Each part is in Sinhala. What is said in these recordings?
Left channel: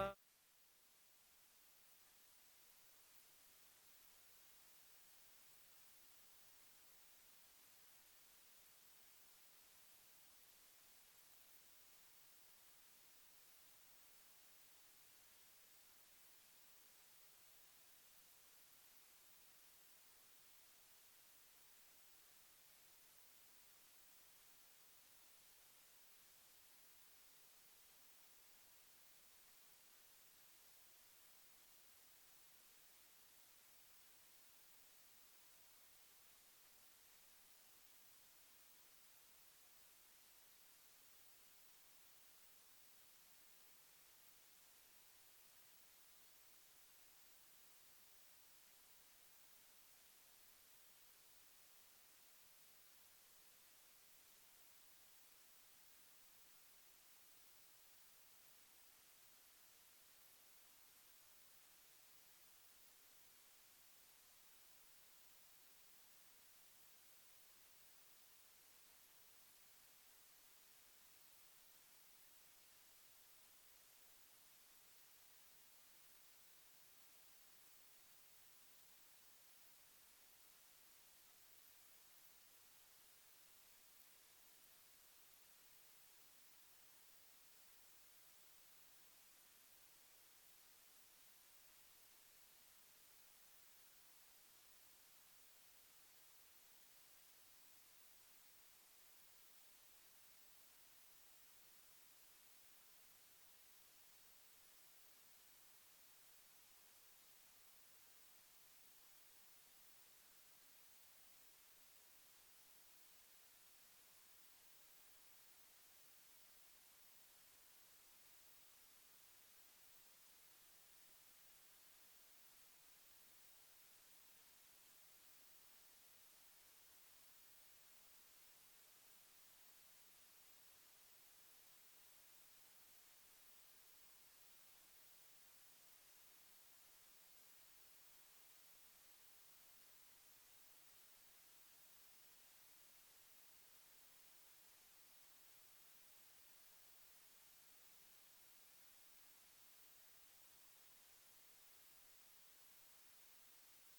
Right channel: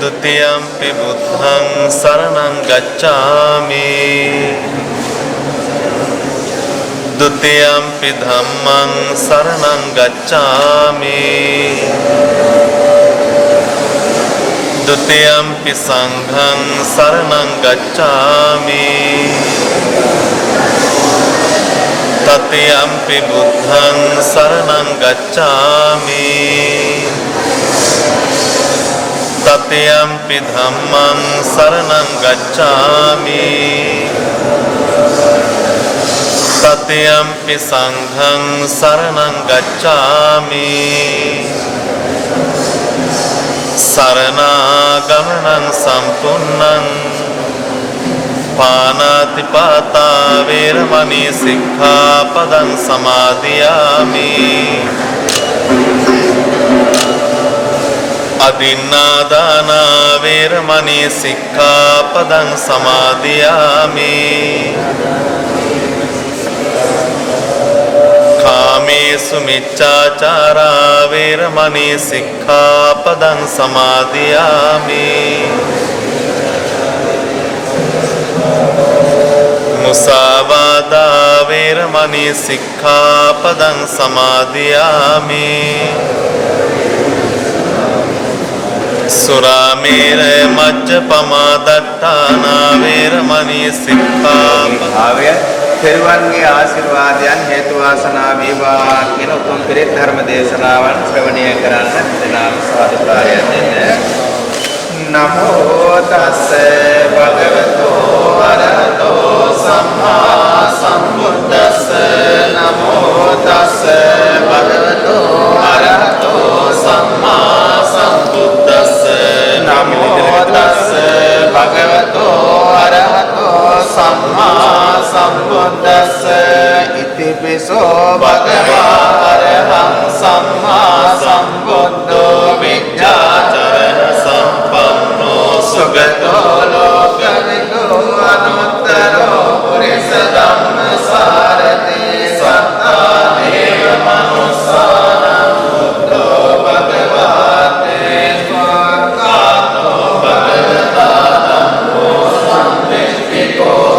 Dutiyampi buddhang saranang gacchami Dutiyampi dhammang saranang gacchami Dutiyampi sanghang saranang gacchami Tatiyampi buddhang saranang gacchami Tatiyampi dhammang saranang gacchami Tatiyampi sanghang saranang gacchami Saranaagamanang sampunnang Panatipata veramani sikkhapadang samadhiyami Adinādāna veramani sikkhapadang samadhiyami Kāmesu miccācārā veramani sikkhapadang samadhiyami Musāvādā veramani sikkhapadang samadhiyami Suramera majjapama dattana veramani sikkhapadang තෙරුවන්ගේ ආශිර්වාදයන් හේතු වාසනා වේවා කියන උතුම් පිරිත් ධර්ම දේශනාවන් ශ්‍රවණය කරන්න දෙනාම සාදුකාරය දෙන්න. නමෝ තස්ස භගවතෝ අරහතෝ සම්මා සම්බුද්දස්ස නමෝ තස්ස භගවතෝ අරහතෝ සම්මා සම්බුද්දස්ස නමෝ තස්ස භගවතෝ අරහතෝ සම්මා සම්බුද්දස්ස ඉතිපිසෝ භගවා අරහං සම්මා සම්බුද්ධෝ විඤ්ඤාචරණ සම්පන්නෝ සුගතෝ ලෝකවිදෝ අනුත්තරෝ පුරිස ධම්මසාරති සත්තා දේව මනුස්සානං බුද්ධෝ භගවාතේ ස්වාකාතෝ භගවතා ධම්මෝ සම්දිස්තිකෝ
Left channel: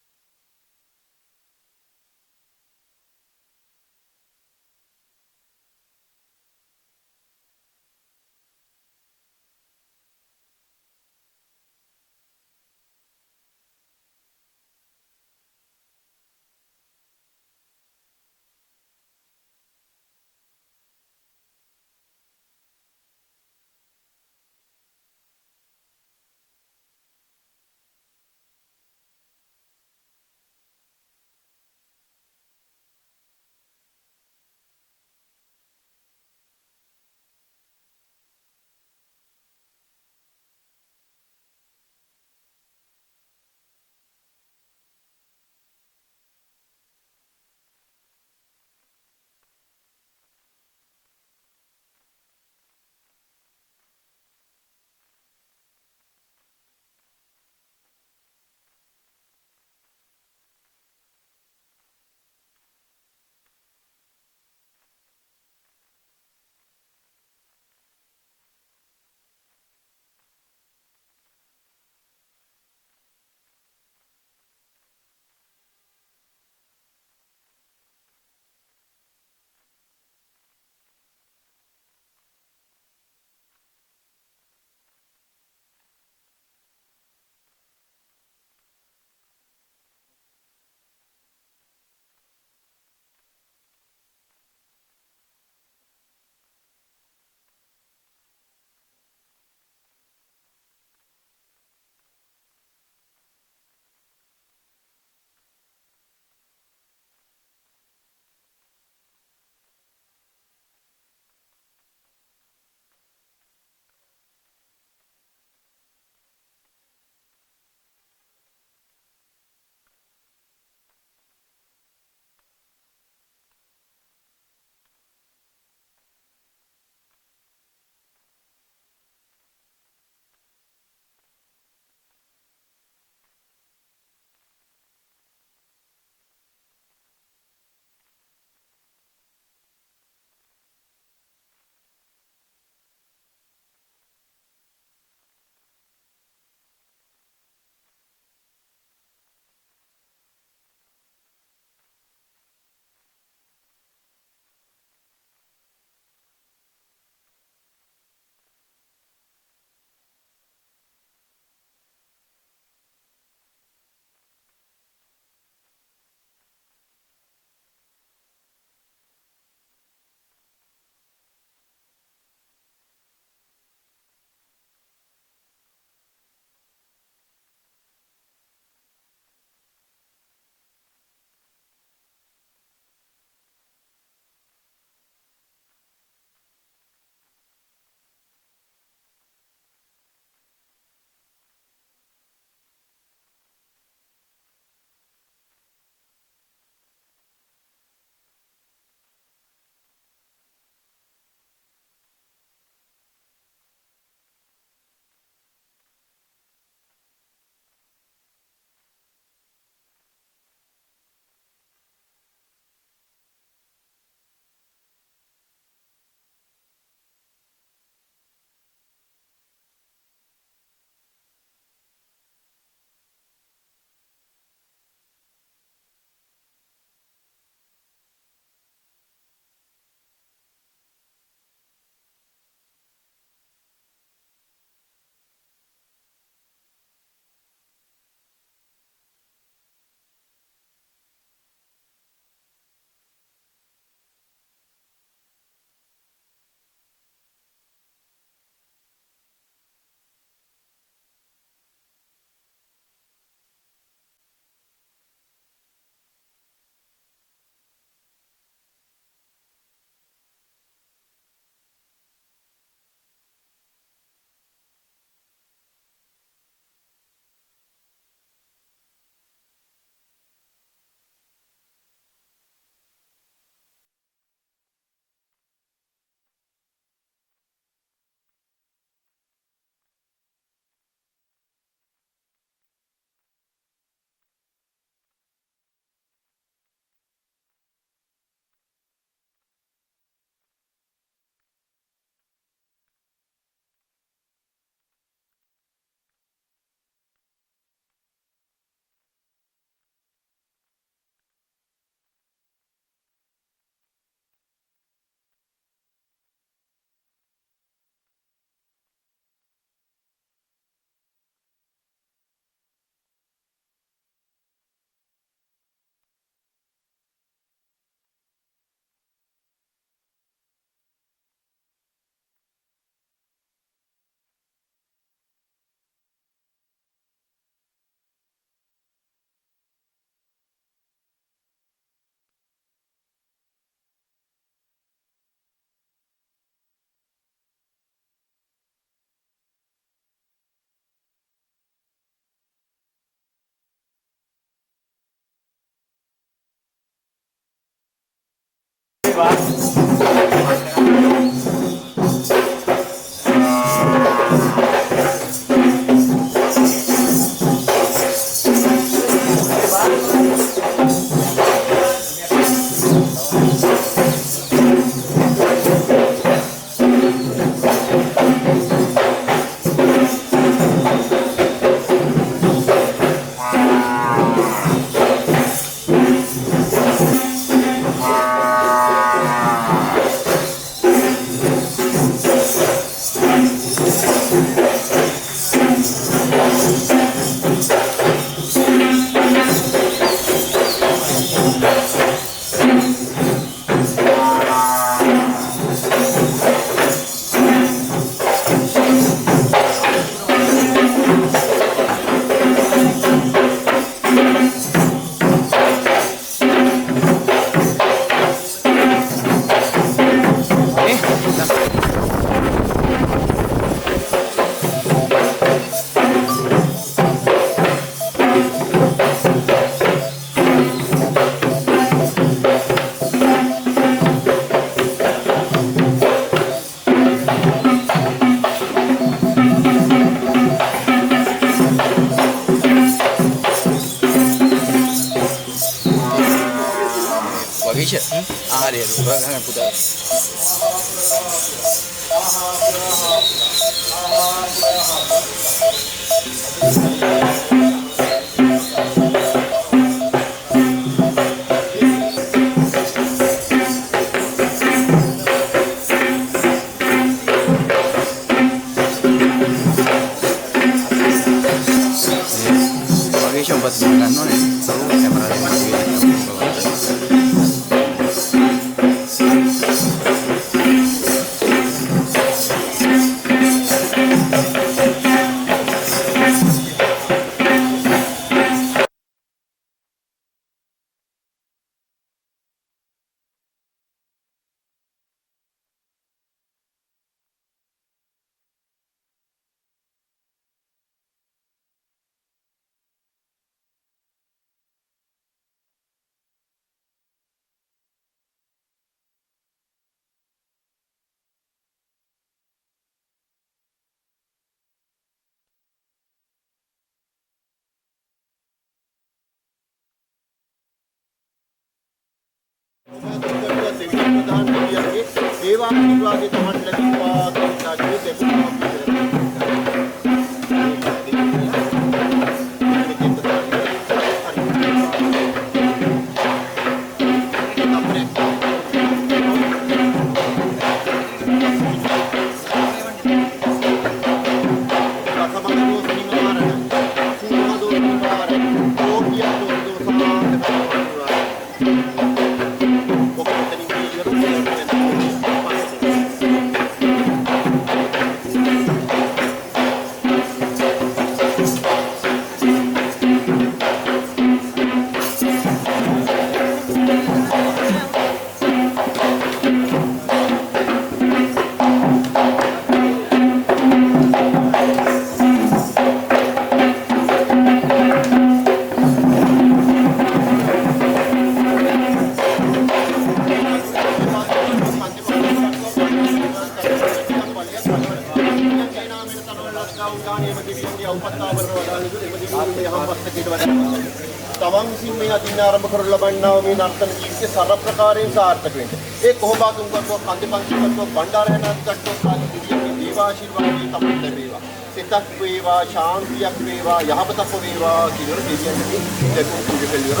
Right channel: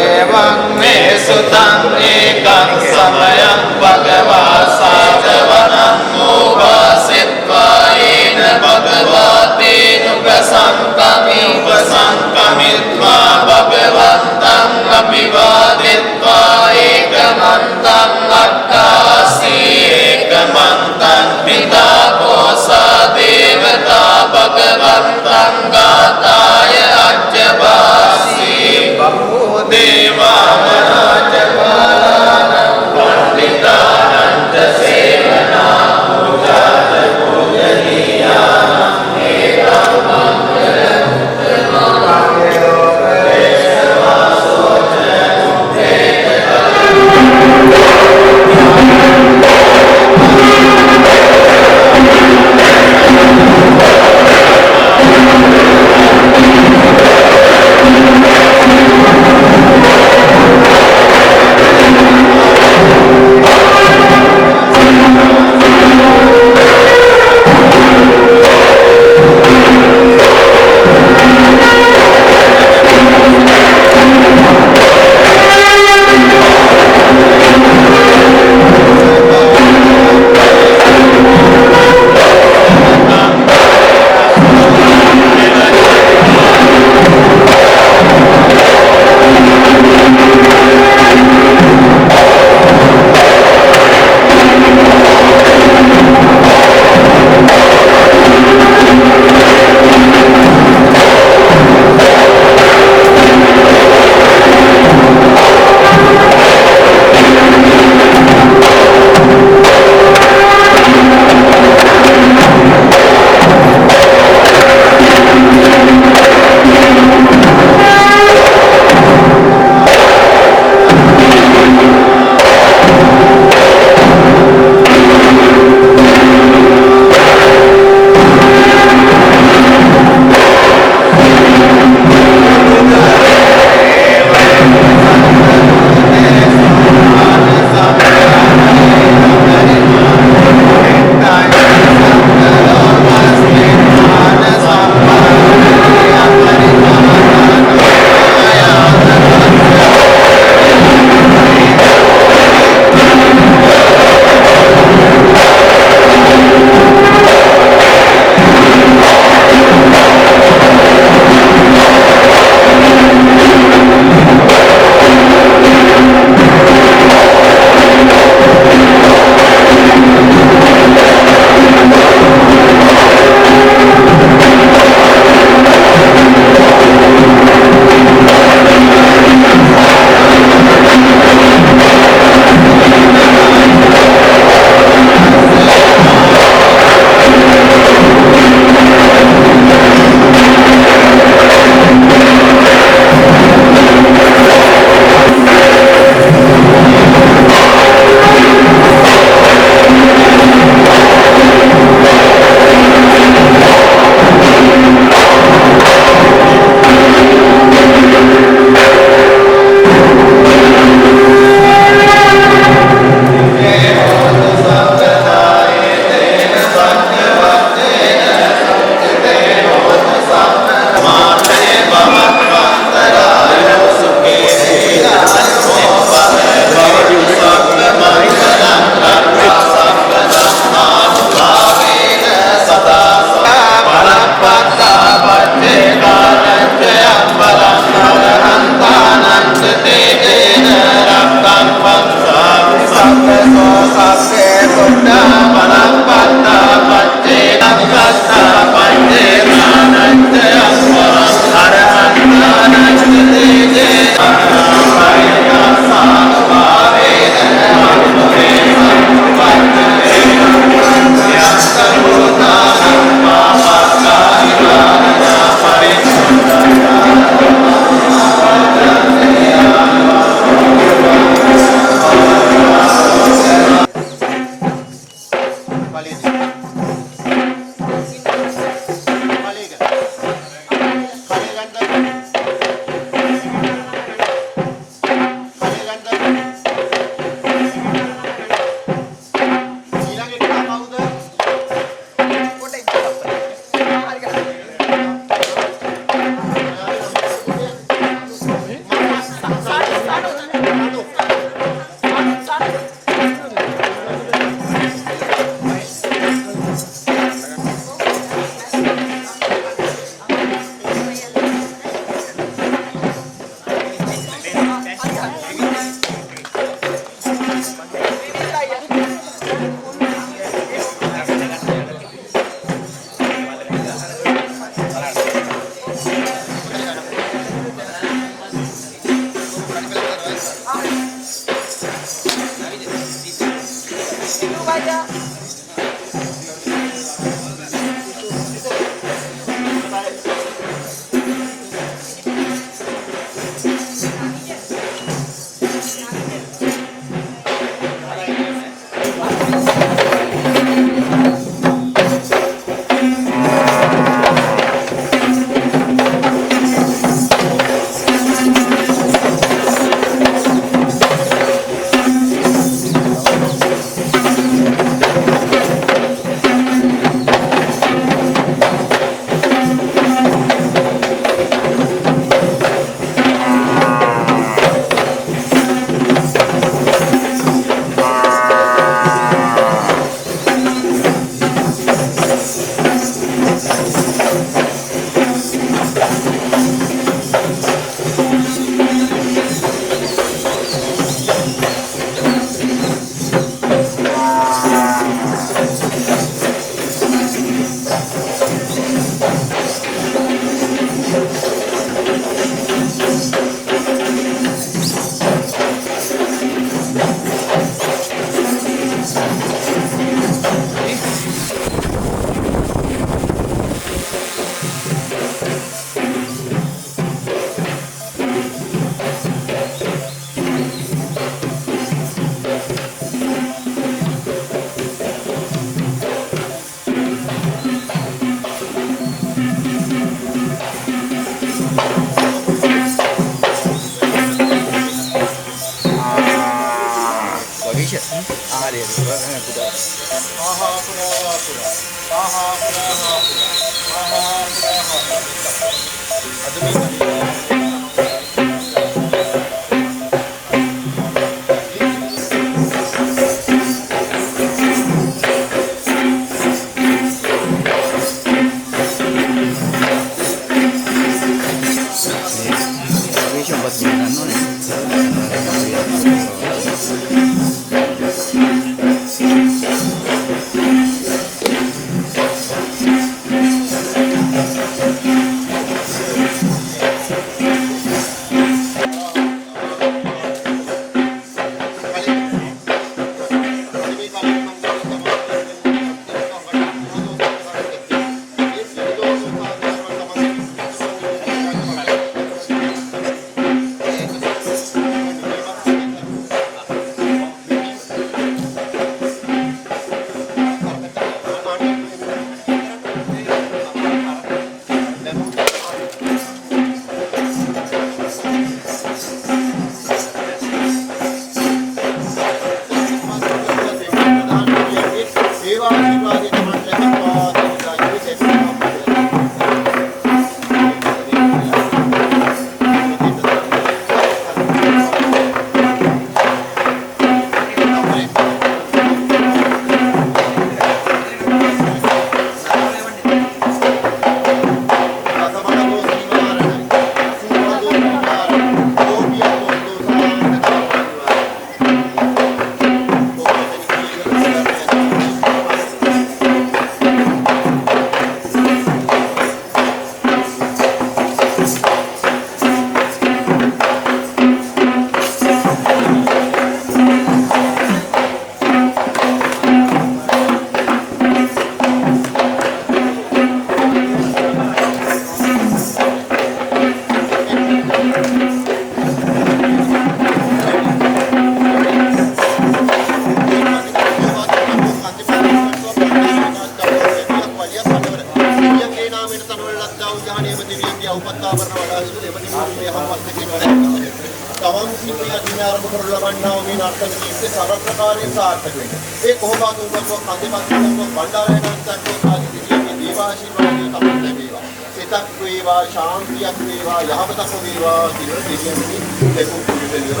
ප්‍රකාරයෙන් සාර්ථක වෙන්නේ. ඒ කොහොමද උන්වහන්සේ කන්දේ බණ්ඩාරයන්ට ගත්තොත් ආදී දේවාශීර්වාදයේ තමයි ලැබේවා. සිතක් වේවා, ශාන්තියක් වේවා, යහපතක් වේවා කියලා දෙවියන්ගේ දෙකුම් කුජෙලියර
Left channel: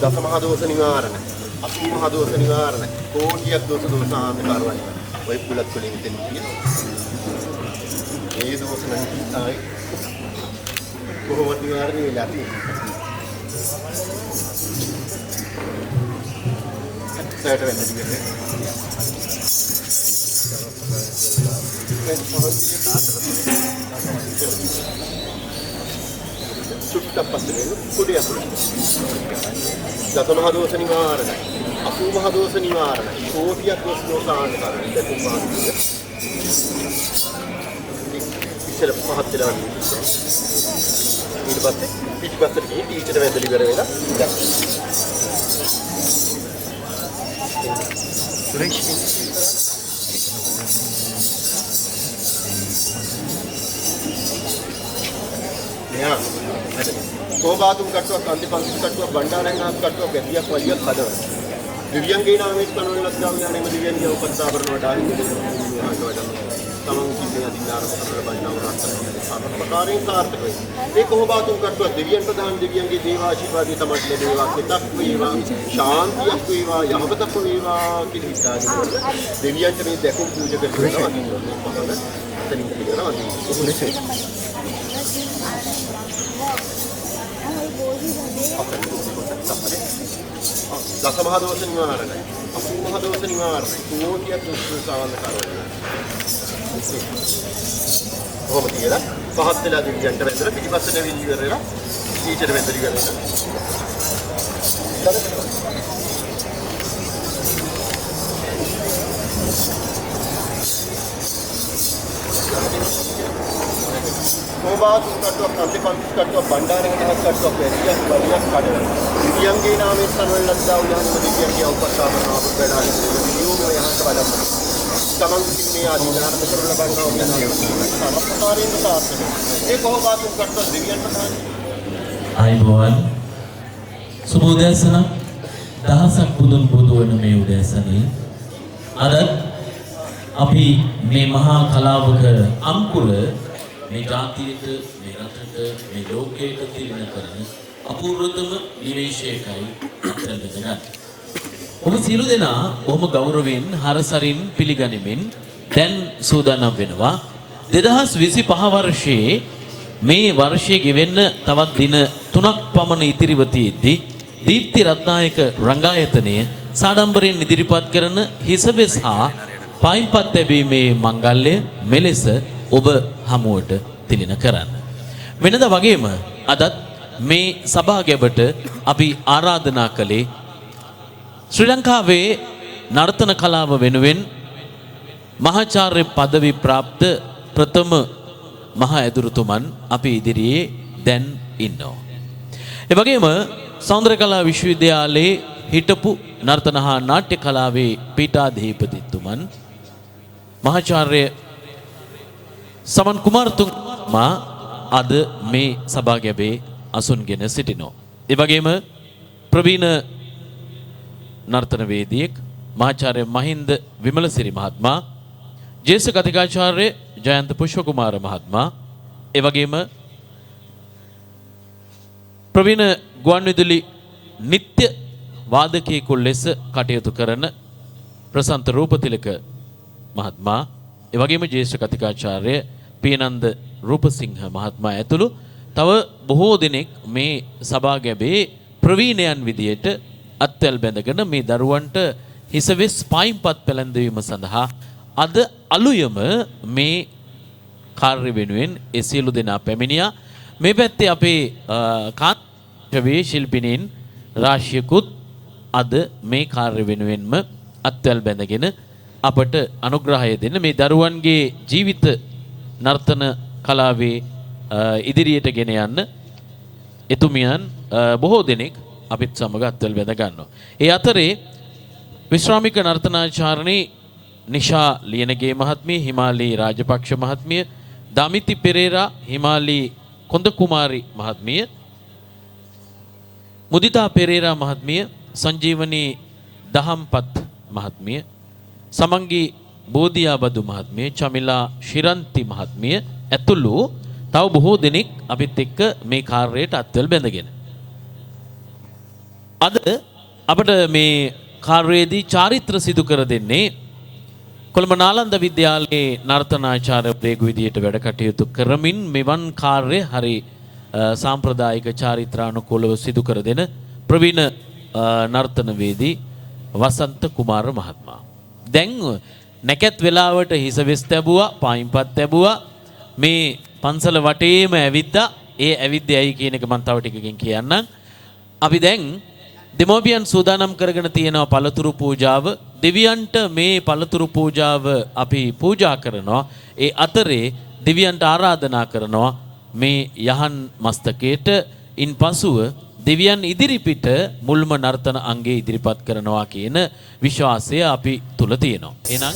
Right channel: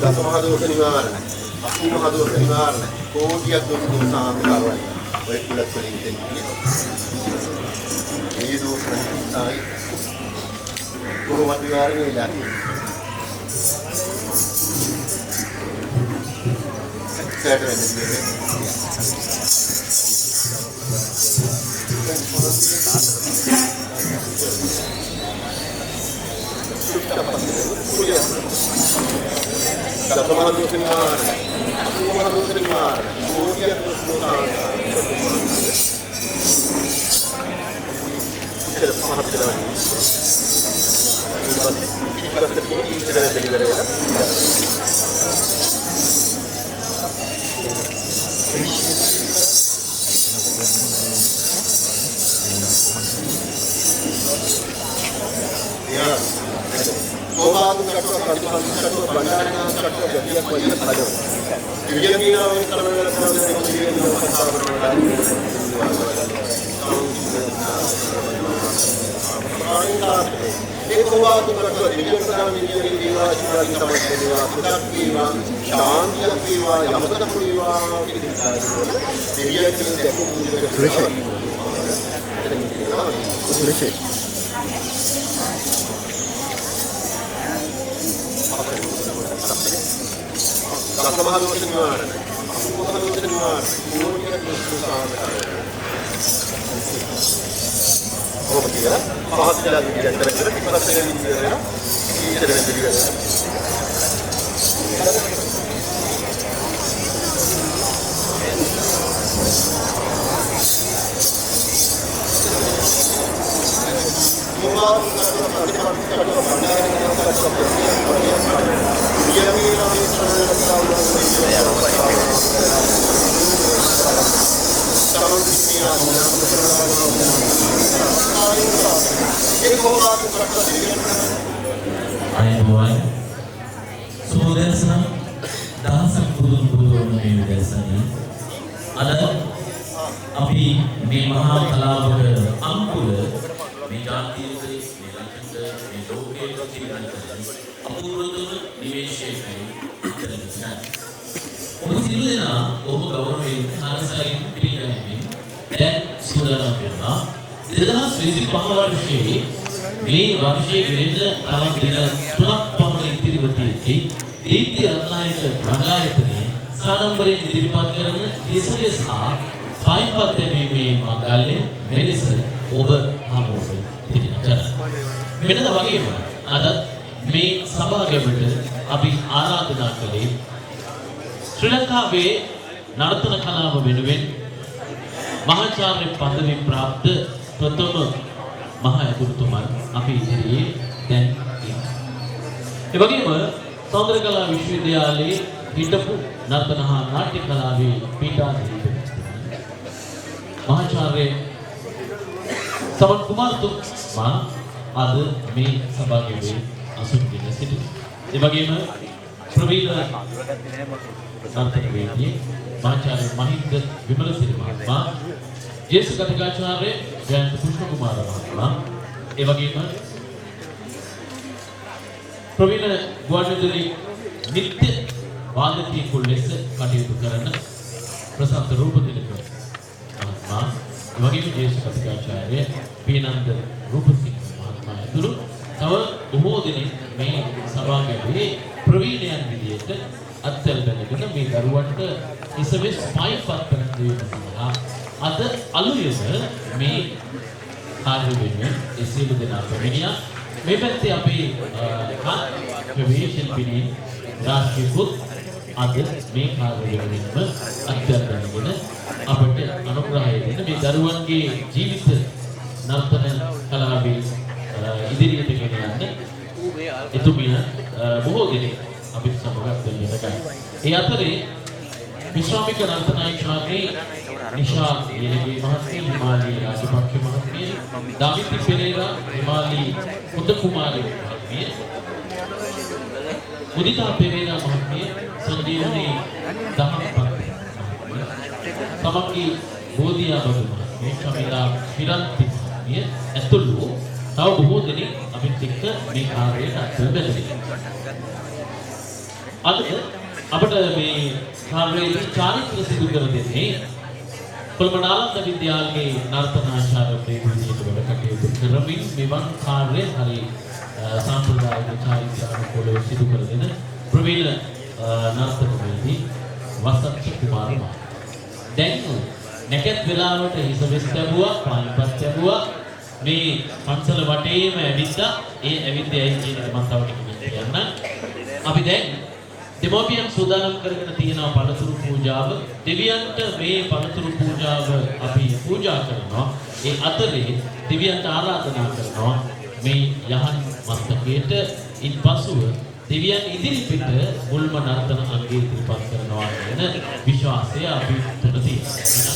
දස මහ දෝෂ නිවාරණ, අසූ මහ දෝෂ නිවාරණ, කෝටියක් දෝෂ දෝෂාන්ත කරවයි. ඔය කුලත් වලින් දෙන්නේ. ඒ දෝෂ නැහැ. කොහොමද නිවාරණය වෙලා තියෙන්නේ? සෑට වෙන්නේ නැහැ. සුට්ට පස්සේ කුලිය. දස මහ දෝෂ නිවාරණ, අසූ මහ දෝෂ නිවාරණ, කෝටියක් දෝෂ දෝෂාන්ත කරවයි. දෙකුම් මහන්සිය. ඉතල පහත් වෙලා ඉන්නේ. ඊට පස්සේ පිටිපස්සට ගිහින් ඊටට වැදලි ඉවර වෙලා සෝවාදුම් කටුවක්, කන්දිපන්ති කටුවක්, බණ්ඩාරයන්ස් කටුවක්, ගැටියක් වලියක් හදවන. විදියන් කියලා මේ කලවල ලක්ෂණ යන විදියන් උපස්ථාපන වලට ආදී ප්‍රකාරයෙන් සාර්ථක වේ. ඒ කොහොමතුන් කටුව දෙවියන් ප්‍රදාන දෙවියන්ගේ දේවාශිර්වාදය තමයි ලැබේවා. සිතක් වේවා, ශාන්තියක් වේවා, යහපතක් වේවා කියන හිතාගෙන දෙවියන්ට මේ දැකුම් පූජක කරනවා. එතනින් කියනවා උපලේශය. දසමහා දෝෂ නිවාරණයි. අසුමහා දෝෂ නිවාරණයි. කෝටියක් දුස්සාන කරනවා. කොහොමද කියලා පහත් වෙලා දිගට වැදලා පිටිපස්සට වෙන්න ඉවරලා ඊට වෙන්න ඉවරලා සෝමාතුන් කටුව ප්‍රතිපත්ති කටුව බණ්ඩාරගෙන කටුව පැතියක් වලියක් කඩන ඉලියන්ගේ නාමයෙන් සමනලත්තා උදාහරණ දෙකේ උපස්ථාපනා කරලා විදුමේ හස්වලම් සමන්තිනේ ආධිනාත කරලා බලනවා වෙනවා සමස්තමාරින් සාර්ථක ඒ කොහොමතුන් කටුව දෙවියන් ප්‍රදාන අයබෝයි සුබෝදෑසන දහසක් බුදුන් බුදුවන මේ උදෑසනයේ අද අපි මේ මහා කලාවක අංකුල මේ ජාතියට මේ රටට මේ ලෝකයට තිරගන්න කරන අපූර්වතම නිවේශයකයි අතරදෙනා. ඔබ සියලු දෙනා ඔබ ගෞරවයෙන් හරසරින් පිළිගනිමින් දැන් සූදානම් වෙනවා 2025 වර්ෂයේ මේ වර්ෂයේ ගෙවෙන්න තවත් දින 3ක් පමණ ඉතිරිව තියෙද්දී දීප්ති රත්නායක රංගායතනය සාඩම්බරයෙන් ඉදිරිපත් කරන හිසබෙස් හා පයින්පත් ලැබීමේ මංගල්‍ය මෙලෙස ඔබ හමුවට තිලින කරන්න. මෙලද වගේම අද මේ සභාගැබට අපි ආරාධනා කළේ ශ්‍රී ලංකාවේ නර්තන කලාව වෙනුවෙන් මහාචාර්ය පදවි ප්‍රාප්ත ප්‍රථම මහා ඇදුරුතුමන් අපි ඉදිරියේ දැන් ඉන්නවා. ඒ වගේම සෞන්දර්යකලා විශ්වවිද්‍යාලයේ හිටපු නර්තන හා නාට්‍ය කලාවේ පීඨාධිපතිතුමන් මහාචාර්ය සවන් කුමාරතුමා අද මේ සභාගැබේ අසුන්ගෙන සිටිනවා. ඒ වගේම ප්‍රවීණ නර්තන වේදිකයෙක් මහාචාර්ය මහින්ද විමලසිරි මහත්මයා, ජ්‍යෙෂ්ඨ කතිකාචාර්ය ජයන්ත පුෂ්පකුමාර මහත්මයා, ඒ වගේම ප්‍රවීණ ගුවන්විදුලි නිත්‍ය වාදකයෙකු ලෙස කටයුතු කරන ප්‍රසන්ත රූපතිලක මහත්මයා, ඒ වගේම ජ්‍යෙෂ්ඨ කතිකාචාර්ය පීනන්ද රූපසිංහ මහත්මයා ඇතුළු තව බොහෝ දෙනෙක් මේ සභාගැබේ ප්‍රවීණයන් විදියට අත්වැල් බැඳගෙන මේ දරුවන්ට හිසවෙස් පයින්පත් පෙළඳවීම සඳහා අද අලුයම මේ කාර්ය වෙනුවෙන් ඒ සියලු දෙනා පැමිණියා. මේ පැත්තේ අපේ කාර්යවේ ශිල්පිනීන් රාශියකුත් අද මේ කාර්ය වෙනුවෙන්ම අත්වැල් බැඳගෙන අපට අනුග්‍රහය දෙන්න මේ දරුවන්ගේ ජීවිත නර්තන කලාවේ ඉදිරියට ගෙන යන්න එතුමියන් බොහෝ දෙනෙක් අපිත් සමග අත්වැල් බැඳ ගන්නවා. ඒ අතරේ විශ්‍රාමික නර්තනාචාර්යනි නිෂා ලියනගේ මහත්මිය, හිමාලී රාජපක්ෂ මහත්මිය, දමිති පෙරේරා, හිමාලී හොඳ කුමාරි මහත්මිය, මුදිතා පෙරේරා මහත්මිය, සංජීවනී දහම්පත් මහත්මිය, සමංගී බෝධියාබදු මහත්මිය, චමිලා ශිරන්ති මහත්මිය ඇතුළු තව බොහෝ දෙනෙක් අපිත් එක්ක මේ කාර්යයට අත්වැල් බැඳගෙන. අද අපිට මේ කාර්යයේදී චාරිත්‍ර සිදු කර දෙන්නේ කොළඹ නාලන්ද විද්‍යාලයේ නර්තනාචාර්ය ප්‍රේගු විදියට වැඩ කටයුතු කරමින් මෙවන් කාර්ය හරි සාම්ප්‍රදායික චාරිත්‍රානුකූලව සිදු කර දෙන ප්‍රවීණ නර්තනවේදී වසත්ත කුමාර මහත්මයා. දැන් නැකත් වෙලාවට හිසවෙස් තැබුවා, පයින්පත් තැබුවා, මේ පන්සල වටේම ඇවිද්දා. ඒ ඇවිද්දයි කියන එක මම තව ටිකකින් කියන්නම්. අපි දැන් දෙමෝපියන් සූදානම් කරගෙන තියෙනවා පළතුරු පූජාව. දෙවියන්ට මේ පළතුරු පූජාව අපි පූජා කරනවා. ඒ අතරේ දෙවියන්ට ආරාධනා කරනවා මේ යහන් මස්තකයට ඉන්පසුව දෙවියන් ඉදිරිපිට මුල්ම නර්තන අංගයේ ඉදිරිපත් කරනවා කියන විශ්වාසය අපි තුල තියෙනවා. එහෙනම්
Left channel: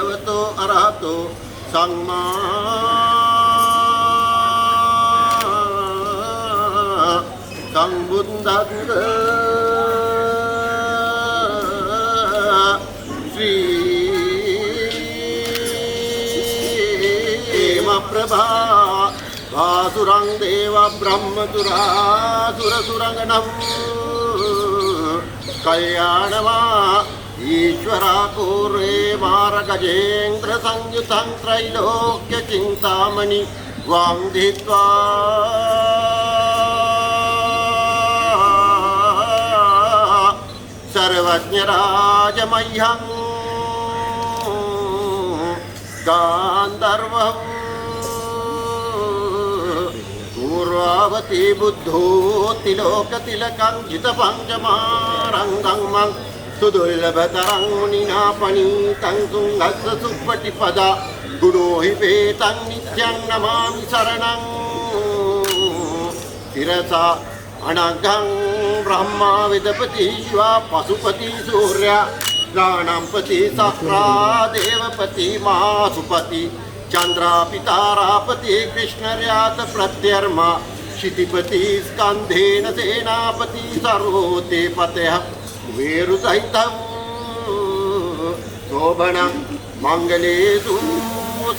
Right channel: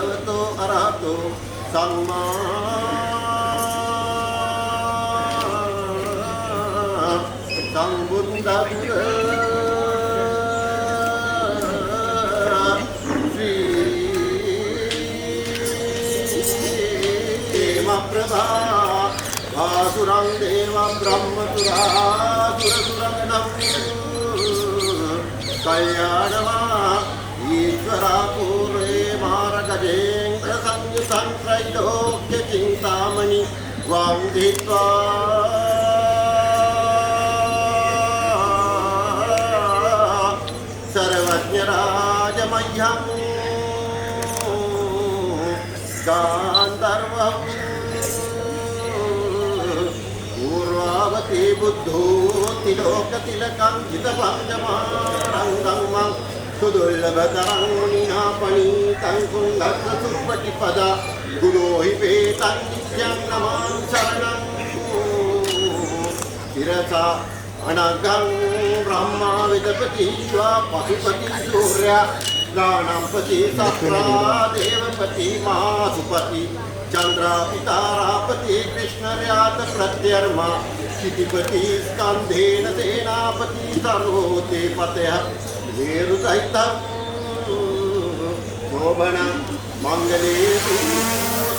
භගවතෝ අරහතෝ සම්මා සම්බුද්දස්ස ශ්‍රී ප්‍රභා වාසුරං දේව බ්‍රහ්මතුරා සුරසුරංගනම් කල්යාණවා ईश्वरा पूर्वे मारगजेन्द्र संयुतं त्रैलोक्य चिंतामणि वांधित्वा सर्वज्ञ राजमह्यं गान्धर्वं पूर्वावती बुद्धो तिलोकतिलकं जितपञ्चमारङ्गं मं सुदुर्लभतरं मुनिना पणीतं तुङ्गस्य सुपटिपदा गुणो हि वेतं नित्यं नमामि शरणं शिरसा अनघं ब्रह्मा विदपति शिवा पशुपति सूर्य प्राणपति सक्रा देवपति मासुपति चंद्रा पितारापति कृष्णर्यात प्रत्यर्मा क्षितिपति स्कंधेन सेनापति सर्वोते पतयः वेरुसहितं शोभनं मंगलेषु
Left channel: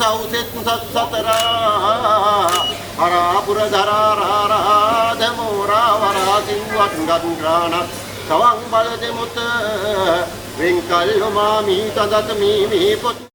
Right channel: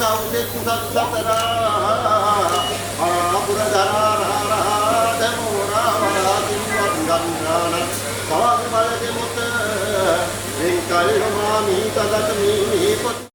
सौसित्सत्सतरा हरापुरधराराधमोरावरासिंवङ्गन्द्राण सवं बलदिमुत वेङ्कल्मामि तदत्मीमि पुत्र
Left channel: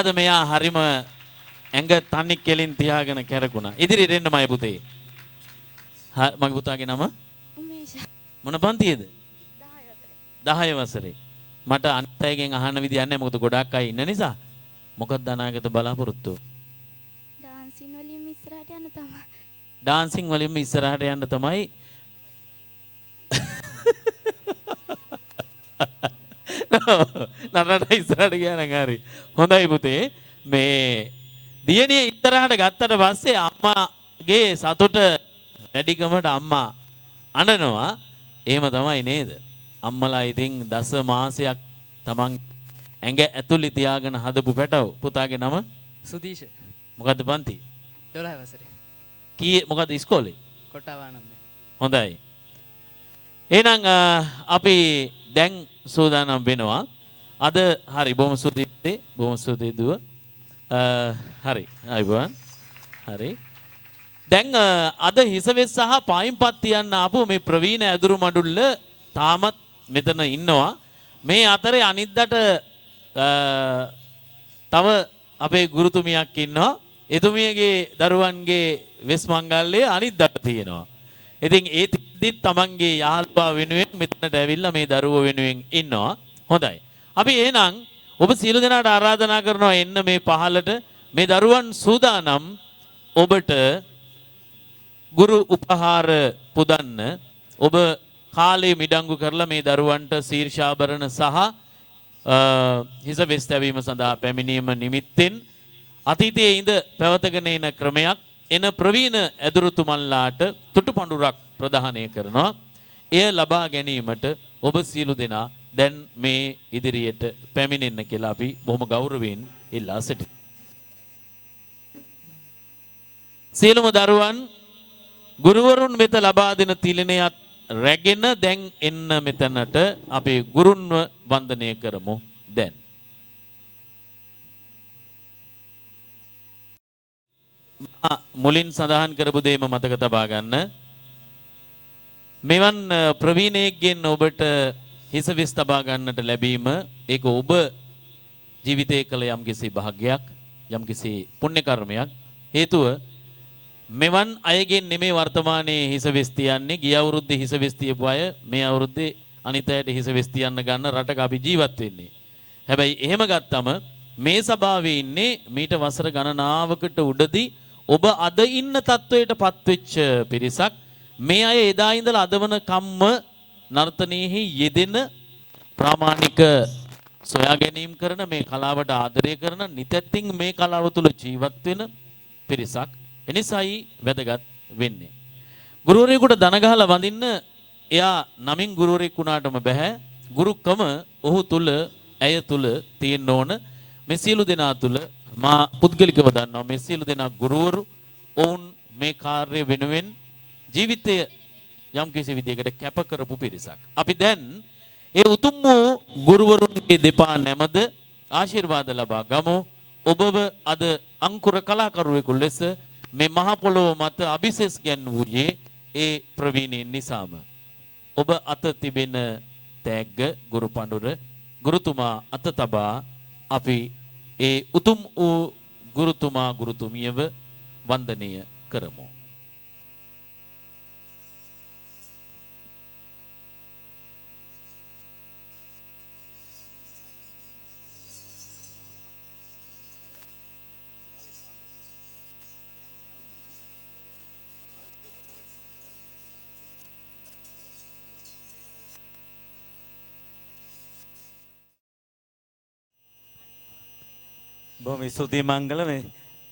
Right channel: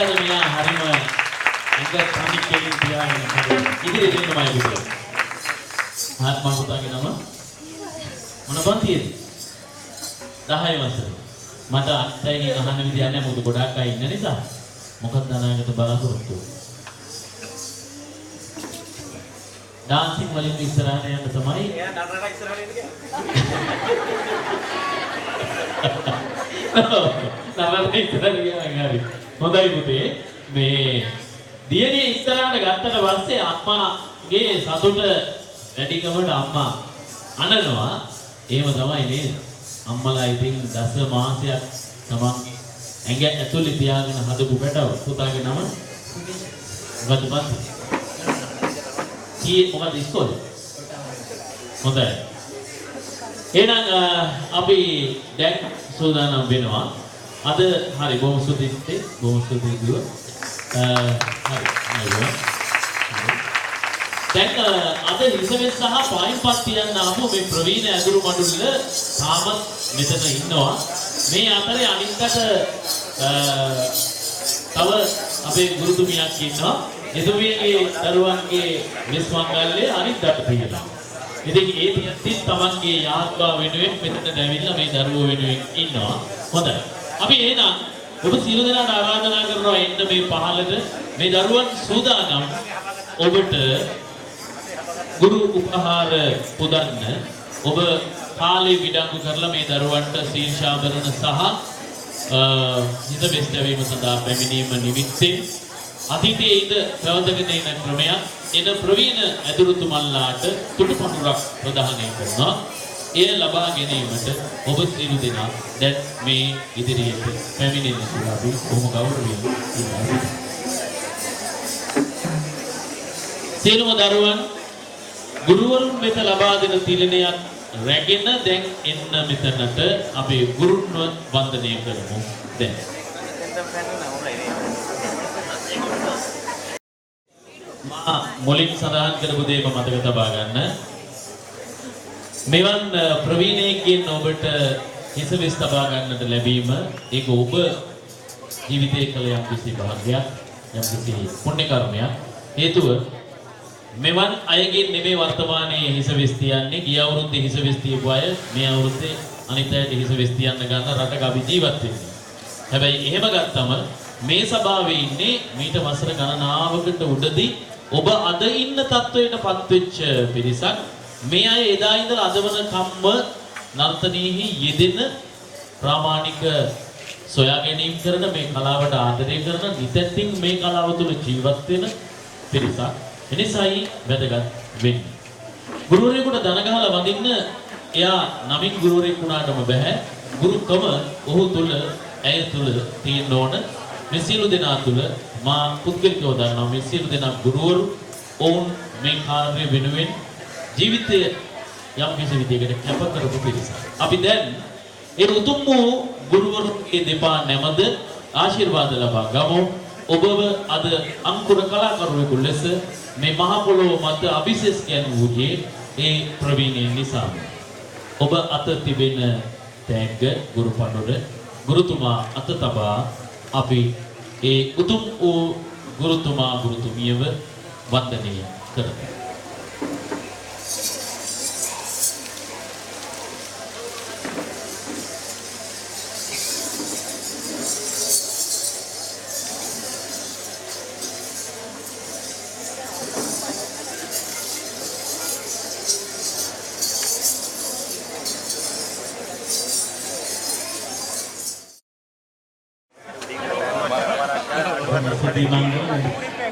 අද මෙයා හරිම ඇඟ තනි කෙලින් තියාගෙන කරගෙන ඉදිරියට එන්නමයි පුතේ. මම පුතාගේ නම මොන පන්තියේද? 10 වසරේ. මට අත්යෙන් අහන්න විදියක් නැහැ මොකද ගොඩාක් අය ඉන්න නිසා. මොකක්ද අනාගත බලාපොරොත්තු? ඩාන්සින් වලින් ඉස්සරහට යන්න තමයි. එයා නටනට ඉස්සරහට එන්න කියලා. නටනට ඉස්සරහට ගියා නගාරි. හොඳයි පුතේ. මේ දියණිය ඉස්සරහට ගත්තට පස්සේ අම්මාගේ සතුට වැඩිකමට අම්මා අඬනවා. එහෙම තමයි නේද? අම්මලා ඉතින් දස මාසයක් තමන් ඇඟ ඇතුලේ තියාගෙන හදපු පැටව. පුතාගේ නම සුනීෂ්. මොකද බන්ති? කී මොකද ඉස්කෝලේ? හොඳයි. එහෙනම් අපි දැන් සූදානම් වෙනවා. අද හරි බොහොම සුදුයි. බොහොම සුදුයි දුව. හරි. හරි. දැන් අද හිසගෙස් සහ පයින්පත් තියන්න ආපු මේ ප්‍රවීණ ඇදුරු මඩුල්ල තාමත් මෙතන ඉන්නවා. මේ අතරේ අනිද්දාට තව අපේ ගුරුතුමියක් ඉන්නවා. එතුමියගේ දරුවන්ගේ වෙස් මංගල්‍යය අනිද්දාට තියෙනවා. ඉතින් ඒ තියෙද්දි තමන්ගේ යාළුවා වෙනුවෙන් මෙතන ඇවිල්ලා මේ දරුවෝ වෙනුවෙන් ඉන්නවා. හොඳයි. අපි එහෙනම් ඔබ සියලු දෙනාට ආරාධනා කරනවා එන්න මේ පහළට. මේ දරුවන් සූදානම් ඔබට ගුරු උපහාර පුදන්න. ඔබ කාලේ විඩංගු කරලා මේ දරුවන්ට ශීර්ෂාභරණ සහ හිස බෙස් ලැබීම සඳහා පැමිණීම නිමිත්තෙන් අතීතයේ ඉඳ පැවතගෙන එන ක්‍රමයක් එන ප්‍රවීණ ඇදුරුතුමන්ලාට තුටුපඳුරක් ප්‍රදානය කරනවා. එය ලබා ගැනීමට ඔබ සියලු දෙනා දැන් මේ ඉදිරියට පැමිණෙන්න කියලා අපි බොහොම ගෞරවයෙන් ඉල්ලා සිටිනවා. සියලුම දරුවන් ගුරුවරුන් වෙත ලබා දෙන තීලනයක් රැගෙන දැන් එන්න මෙතනට අපි ගුරුන්ව වන්දනය කරමු. දැන් මුලින් සඳහන් කරපු දේම මතක තබා ගන්න. මෙවන් ප්‍රවීණයෙක්ගෙන් ඔබට හිසලිස් තබා ගන්නට ලැබීම ඒක ඔබ ජීවිතයේ කළ යම්කිසි භාග්‍යයක්, යම්කිසි පුණ්‍ය කර්මයක්. හේතුව මෙවන් අයගෙන් නෙමේ වර්තමානයේ හිසවෙස් තියන්නේ. ගිය අවුරුද්දේ හිසවෙස් තියපු අය මේ අවුරුද්දේ අනිත් අයට හිසවෙස් තියන්න ගන්න රටක අපි ජීවත් වෙන්නේ. හැබැයි එහෙම ගත්තම මේ සභාවේ ඉන්නේ මීට වසර ගණනාවකට උඩදී ඔබ අද ඉන්න තත්වයටපත් වෙච්ච පිරිසක්. මේ අය එදා ඉඳලා අද වනකම්ම නර්තනයේහි යෙදෙන ප්‍රාමාණික සොයා ගැනීම කරන මේ කලාවට ආදරය කරන නිතරම මේ කලාව තුළ ජීවත් වෙන පිරිසක්. එනිසායි වැදගත් වෙන්නේ. ගුරුවරයෙකුට දන ගහලා වඳින්න එයා නමින් ගුරුවරයෙක් වුණාටම බෑ. ගුරුකම ඔහු තුල ඇය තුල තියෙන්න ඕන. මේ සියලු දෙනා තුල මා පුද්ගලිකව දන්නවා මේ සියලු දෙනා ගුරුවරු ඔවුන් මේ කාර්ය වෙනුවෙන් ජීවිතය යම් කිසි විදිහකට කැප කරපු පිරිසක්. අපි දැන් ඒ උතුම් වූ ගුරුවරුන්ගේ දෙපා නැමද ආශිර්වාද ලබා ගමු. ඔබව අද අංකුර කලාකරුවෙකු ලෙස මේ මහ පොළොව මත අභිෂේක ගැන්වූයේ ඒ ප්‍රවීණය නිසා. ඔබ අත තිබෙන තෑග්ග ගුරු පඬුර ගුරුතුමා අත තබා අපි ඒ උතුම් වූ ගුරුතුමා ගුරුතුමියව වන්දනය කරමු.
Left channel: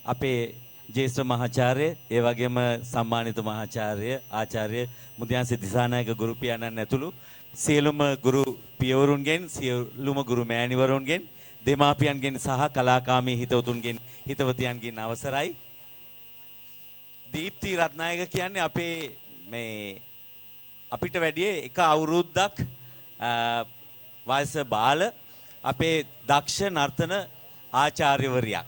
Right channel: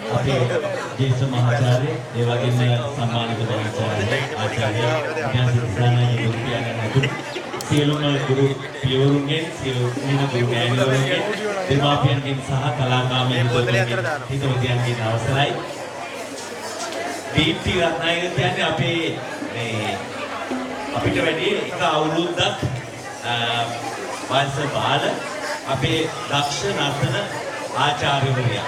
අපේ ජේෂ්ඨ මහාචාර්ය ඒ වගේම සම්මානිත මහාචාර්ය ආචාර්ය ඥානසිතානන්ද ගුරුතුමෝ සියලුම ගුරු පියවරුන්ගෙන් සියලුම ගුරු මෑණිවරුන්ගෙන් දෙමාපියන්ගෙන් සහ කලාකාමී හිතවතුන්ගෙන් අවසරයි. දීප්ති රත්නායක කියන්නේ අපේ මේ අපිට වැඩි එක අවුරුද්දක් වයස බාල අපේ දක්ෂ නර්තන ආචාර්යවරියා.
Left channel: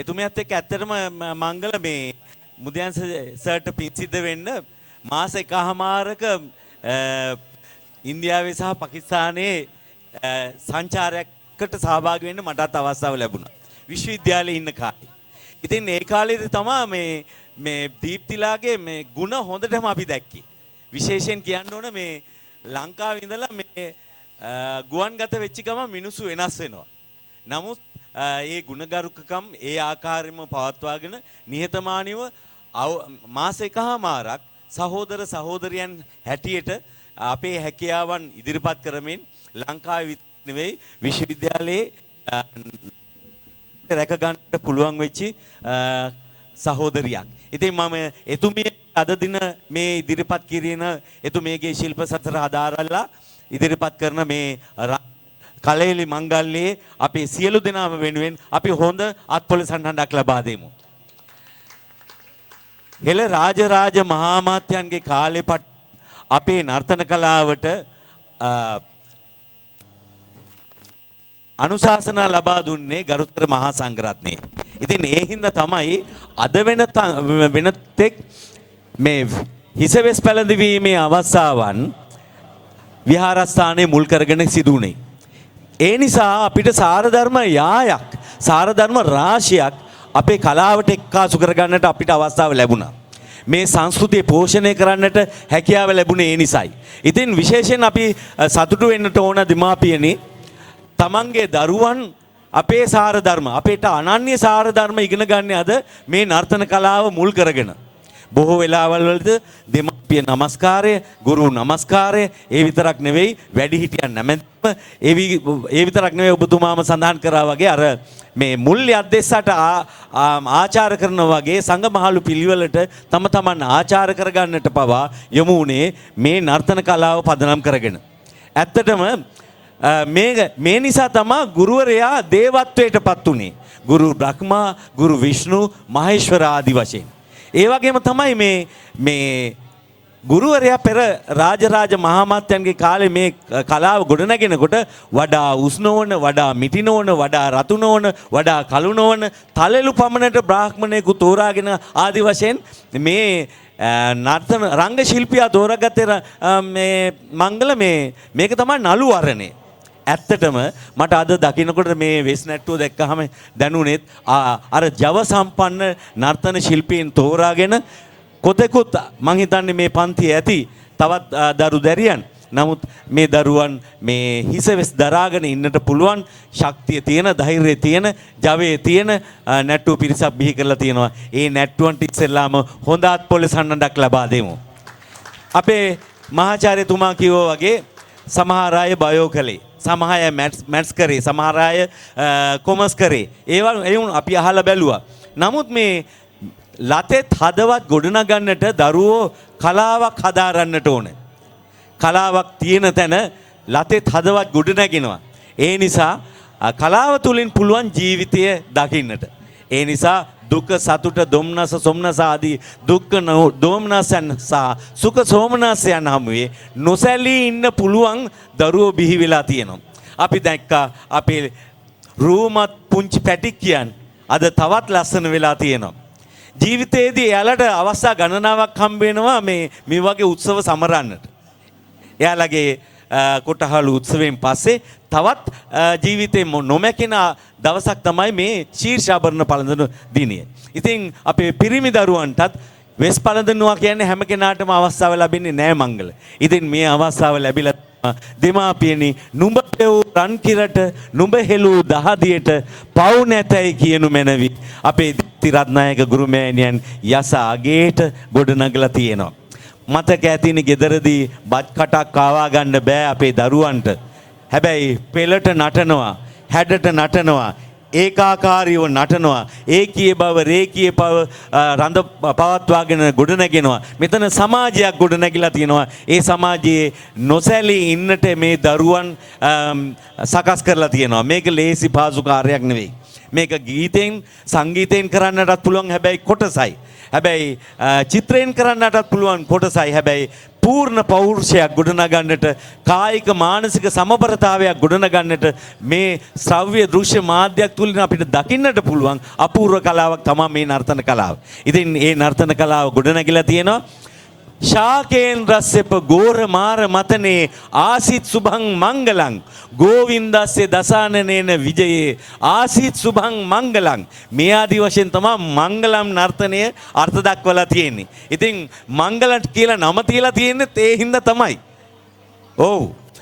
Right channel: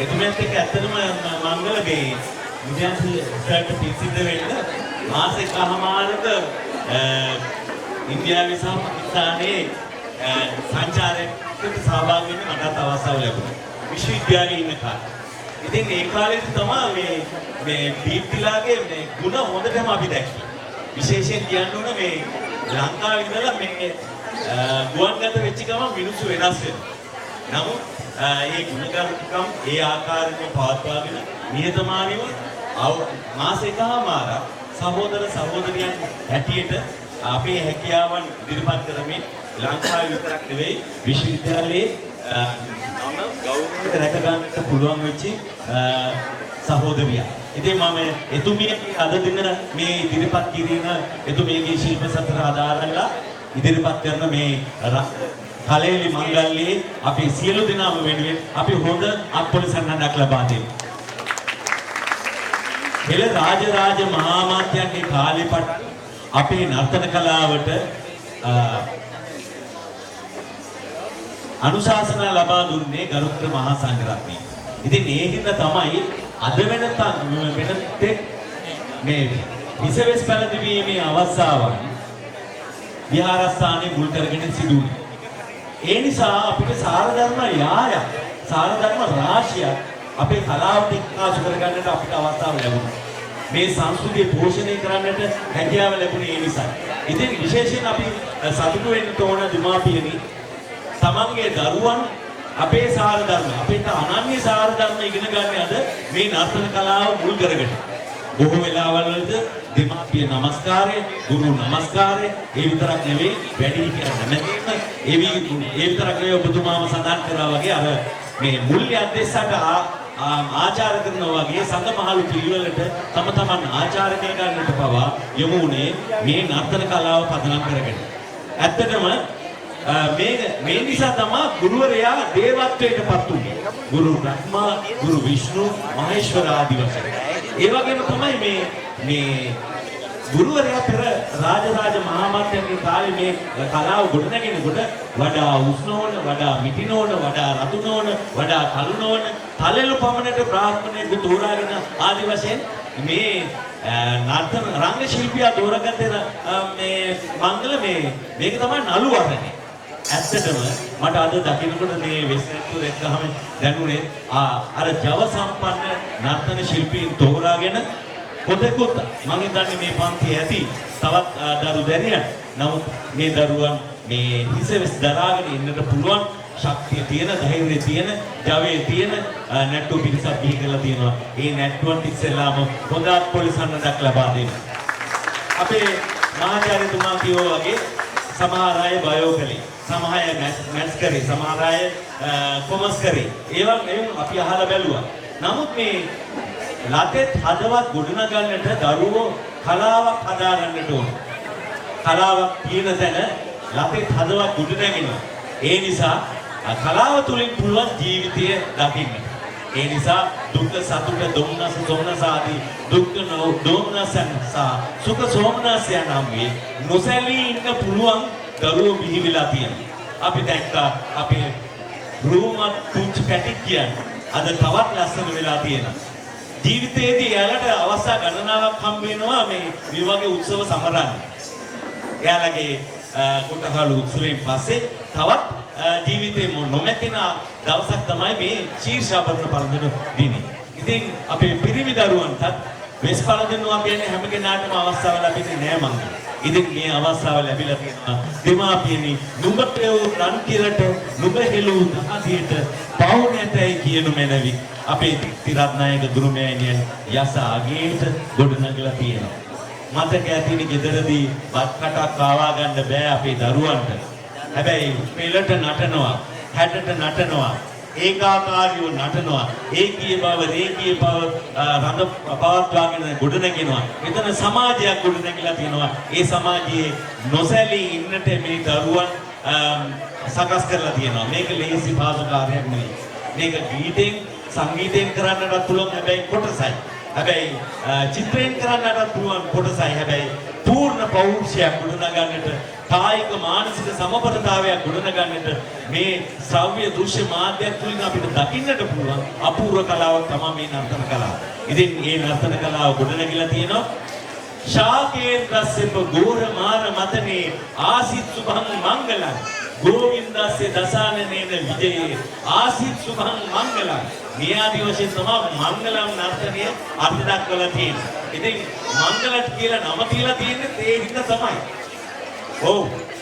එතුමියත් එක්ක ඇත්තටම මංගල මේ බුද්ධාංශ සර්ට පිටිසිද්ධ වෙන්න මාස එකමාරක ඉන්දියාවේ සහ පාකිස්තානයේ සංචාරයකට සහභාගී වෙන්න මටත් අවස්ථාව ලැබුණා. විශ්වවිද්‍යාලයේ ඉන්න කාලේ. ඉතින් ඒ කාලේදී තමයි මේ දීප්තිලාගේ මේ ಗುಣ හොඳටම අපි දැක්කේ. විශේෂයෙන් කියන්න ඕන මේ ලංකාවේ ඉඳලා මේ ගුවන්ගත වෙච්ච ගමන් මිනිස්සු වෙනස් වෙනවා. නමුත් ඒ ගුණගරුකම් ඒ ආකාරයෙන් පවත්වාගෙන නිහතමානීව මාස එකමාරක් සහෝදර සහෝදරියන් හැටියට අපේ හැකියාවන් ඉදිරිපත් කරමින් ලංකාවේ විතරක් නෙවෙයි විශ්වවිද්‍යාලයේ ගෞරවය රැක ගන්නට පුළුවන් වෙච්ච සහෝදරියක්. ඉතින් මම එතුමිය අද දින මේ ඉදිරිපත් කිරීම එතුමියගේ ශිල්ප සතර ආධාරලා ඉදිරිපත් කරන මේ කලෙලි මංගල්‍යයේ අපි සියලු දෙනාම වෙනුවෙන් අපි හොඳ අත්පොලිසන්නඩක් ලබා දෙමු. හෙළ රාජරාජ මහාමාත්‍යන්ගේ කාලේ පටන් අපේ නර්තන කලාවට අනුශාසනා ලබා දුන්නේ ගරුතර මහා සංඝරත්නය. ඉතින් ඒ හින්දා තමයි අද වෙනතෙක් මේ හිසවෙස් පැලඳවීමේ අවස්ථාවන් විහාරස්ථානයේ මුල් කරගෙන සිදු වුණේ. ඒ නිසා අපිට සාරධර්ම යායක් සාරධර්ම රාශියක් අපේ කලාවට එක්කාසු කරගන්නට අපිට අවස්ථාව ලැබුණා. මේ සංස්කෘතිය පෝෂණය කරන්නට හැකියාව ලැබුණේ ඒ නිසායි. ඉතින් විශේෂයෙන් අපි සතුටු වෙන්නට ඕන දෙමාපියනි තමන්ගේ දරුවන් අපේ සාරධර්ම අපිට අනන්‍ය සාරධර්ම ඉගෙන ගන්න අද මේ නර්තන කලාව මුල් කරගෙන. බොහෝ වෙලාවල් වලදී දෙමාපිය නමස්කාරය, ගුරු නමස්කාරය, ඒ විතරක් නෙවෙයි වැඩිහිටියන් නැමැත්ම ඒ විතරක් නෙවෙයි ඔබතුමාම සඳහන් කරා වගේ අර මේ මුල්‍ය අධ්‍යස්සට ආචාර කරනවා වගේ සංඝමහලු පිළිවෙලට තම තමන් ආචාර කරගන්නට පවා යොමු වුණේ මේ නර්තන කලාව පදනම් කරගෙන. ඇත්තටම මේ නිසා තමයි ගුරුවරයා දේවත්වයටපත් උනේ. ගුරු බ්‍රහ්මා, ගුරු විෂ්ණු, මහේශ්වර ආදි වශයෙන්. ඒ වගේම තමයි මේ ගුරුවරයා පෙර රාජරාජ මහාමාත්‍යන්ගේ කාලේ මේ කලාව ගොඩනගෙනකොට වඩා උෂ්ණ නොවන, වඩා මිටි නොවන, වඩා රතු නොවන, වඩා කළු නොවන තලෙලු පමණට බ්‍රාහ්මණයෙකු තෝරාගෙන ආදි වශයෙන් මේ නර්තන රංග ශිල්පියා තෝරාගත්තේ මේ මංගල මේක තමයි නළු වරණේ. ඇත්තටම මට අද දකින්නකොට මේ වෙස් නැට්ටුව දැක්කහම දැනුනේ අර ජව සම්පන්න නර්තන ශිල්පීන් තෝරාගෙන කොතෙකුත් මං හිතන්නේ මේ පන්තියේ ඇති තවත් දරු දැරියන්. නමුත් මේ දරුවන් මේ හිසවෙස් දරාගෙන ඉන්නට පුළුවන් ශක්තිය තියෙන, ධෛර්යය තියෙන, ජවයේ තියෙන නැට්ටු පිරිසක් බිහි කරලා තියෙනවා. ඒ නැට්ටුවන්ට ඉස්සෙල්ලාම හොඳ අත්පොලිසන්නඩක් ලබා දෙමු. අපේ මහාචාර්යතුමා කිව්වා වගේ සමහර අය බයෝ කළේ, සමහර අය මැත්ස් කරේ, සමහර අය කොමර්ස් කරේ. ඒවා අපි අහලා බැලුවා. නමුත් මේ ලතෙත් හදවත් ගොඩනගන්නට දරුවෝ කලාවක් හදාරන්නට ඕනේ. කලාවක් තියෙන තැන ලතෙත් හදවත් ගොඩනගිනවා. ඒ නිසා කලාව තුලින් පුළුවන් ජීවිතය දකින්නට. ඒ නිසා දුක සතුට දුම්නස සොම්නස ආදී දුක් දෝමනසයන් සහ සුඛ සෝමනසයන් හැමුවේ නොසැලී ඉන්න පුළුවන් දරුවෝ බිහි වෙලා තියෙනවා. අපි දැක්කා අපේ රූමත් පුංචි පැටික් කියන්නේ අද තවත් ලස්සන වෙලා තියෙනවා. ජීවිතයේදී එයාලට අවස්ථා ගණනාවක් හම්බ වෙනවා මේ වගේ උත්සව සමරන්න. එයාලගේ කොටහළු උත්සවයෙන් පස්සේ තවත් ජීවිතේ නොමැකෙන දවසක් තමයි මේ ශීර්ෂාභරණ පළඳින දිනේ. ඉතින් අපේ පිරිමි දරුවන්ටත් වෙස් පළඳිනවා කියන්නේ හැම කෙනාටම අවස්ථාව ලැබෙන්නේ නෑ මංගල. ඉතින් මේ අවස්ථාව ලැබිලා තියෙනවා දෙමාපියනි නුඹ පෙවූ රන් කිරට නුඹ හෙළූ දහදියට පව් නැතයි කියනු මැනවි. අපේ තිරත්නායක ගුරුමෑණියන් යස අගේට ගොඩනගලා තියෙනවා. මතක ඇතිනේ ගෙදරදී බත් කටක් කාවා ගන්න බෑ අපේ දරුවන්ට. හැබැයි පෙළට නටනවා, හැඩට නටනවා, ඒකාකාරීව නටනවා, ඒකීය බව රේකීය බව රඳ පවත්වාගෙන ගොඩනගෙනවා. මෙතන සමාජයක් ගොඩනැගිලා තියෙනවා. ඒ සමාජයේ නොසැලී ඉන්නට මේ දරුවන් සකස් කරලා තියෙනවා. මේක ලේසි පාසු කාර්යයක් නෙවෙයි. මේක ගීතෙන් සංගීතයෙන් කරන්නටත් පුළුවන් හැබැයි කොටසයි. හැබැයි චිත්‍රයෙන් කරන්නටත් පුළුවන් කොටසයි. හැබැයි පූර්ණ පෞරුෂයක් ගොඩනගන්නට, කායික මානසික සමබරතාවයක් ගොඩනගන්නට මේ ශ්‍රව්‍ය දෘශ්‍ය මාධ්‍යයක් තුලින් අපිට දකින්නට පුළුවන් අපූර්ව කලාවක් තමයි මේ නර්තන කලාව. ඉතින් මේ නර්තන කලාව ගොඩනැගිලා තියෙනවා. ශාකේන් රස්සෙප ගෝර මාර මතනේ ආසිත් සුභං මංගලං ගෝවින්දස්සේ දසානනේන විජයේ ආසීත් සුභං මංගලං මේ ආදි වශයෙන් තමයි මංගලම් නර්තනය අර්ථ දක්වලා තියෙන්නේ. ඉතින් මංගලට කියලා නම තියලා තියෙන්නේ ඒ හින්දා තමයි. ඔව්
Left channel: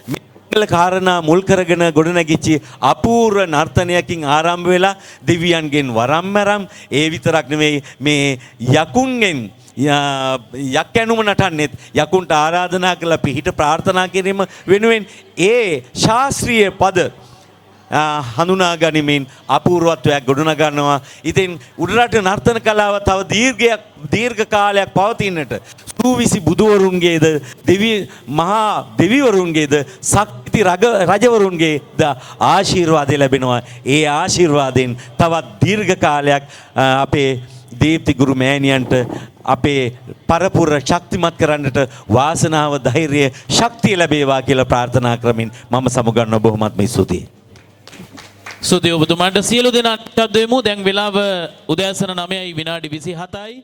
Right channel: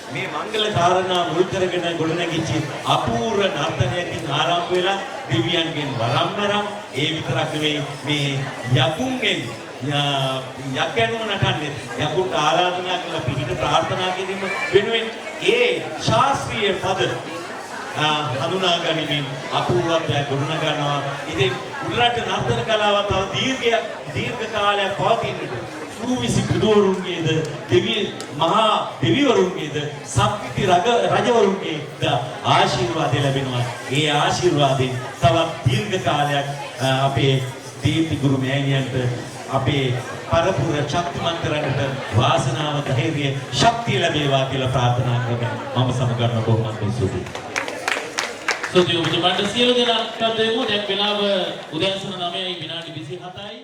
මේ මංගල කාරණා මුල් කරගෙන ගොඩනැගිච්ච අපූර්ව නර්තනයකින් ආරම්භ වෙලා දෙවියන්ගෙන් වරම් මරම් ඒ විතරක් නෙවෙයි මේ යකුන්ගෙන් යක් ඇනුම නටන්නෙත් යකුන්ට ආරාධනා කළ පිහිට ප්‍රාර්ථනා කිරීම වෙනුවෙන් ඒ ශාස්ත්‍රීය පද හඳුනා ගනිමින් අපූර්වත්වයක් ගොඩනගනවා. ඉතින් උඩරට නර්තන කලාව තව දීර්ඝ කාලයක් පවතින්නට සූවිසි බුදුවරුන්ගේද මහා දෙවිවරුන්ගේද ශක්ති රජවරුන්ගේද ආශිර්වාදය ලැබෙනවා. ඒ ආශිර්වාදයෙන් තවත් දීර්ඝ කාලයක් අපේ දීප්ති ගුරු මෑණියන්ට අපේ පරපුර ශක්තිමත් කරන්නට වාසනාව ධෛර්යය ශක්තිය ලැබේවා කියලා ප්‍රාර්ථනා කරමින් මම සමුගන්නවා. බොහොමත්ම ස්තුතියි. ස්තුතියි ඔබතුමාට. සියලු දෙනාට දෙමු. දැන් වෙලාව උදෑසන 9යි විනාඩි 27යි.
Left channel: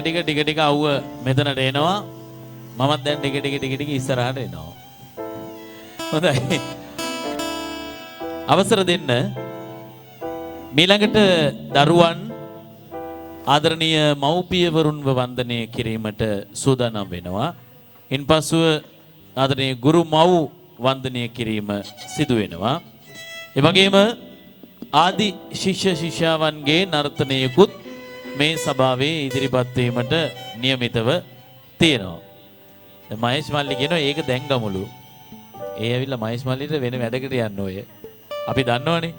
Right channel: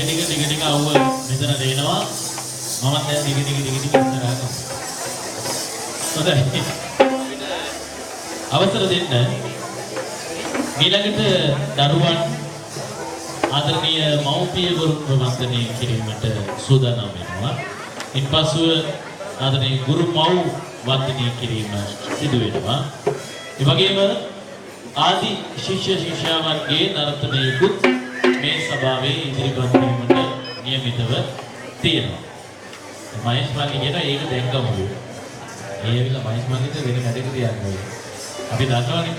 ටික අවුව මෙතනට එනවා. මමත් දැන් ටික ඉස්සරහට එනවා. හොඳයි. අවසර දෙන්න. ඊළඟට දරුවන් ආදරණීය මව්පියවරුන්ව වන්දනය කිරීමට සූදානම් වෙනවා. ඉන්පසුව ආදරණීය ගුරු මව් වන්දනය කිරීම සිදු වෙනවා. ඒ වගේම ආදි ශිෂ්‍ය ශිෂ්‍යාවන්ගේ නර්තනයකුත් මේ සභාවේ ඉදිරිපත් වීමට නියමිතව තියෙනවා. දැන් මහේෂ් මල්ලි කියනවා ඒක දැන් ගමුද? ඒ ඇවිල්ලා මහේෂ් මල්ලිද වෙන වැඩකට යන්නේ. අපි දන්නවනේ.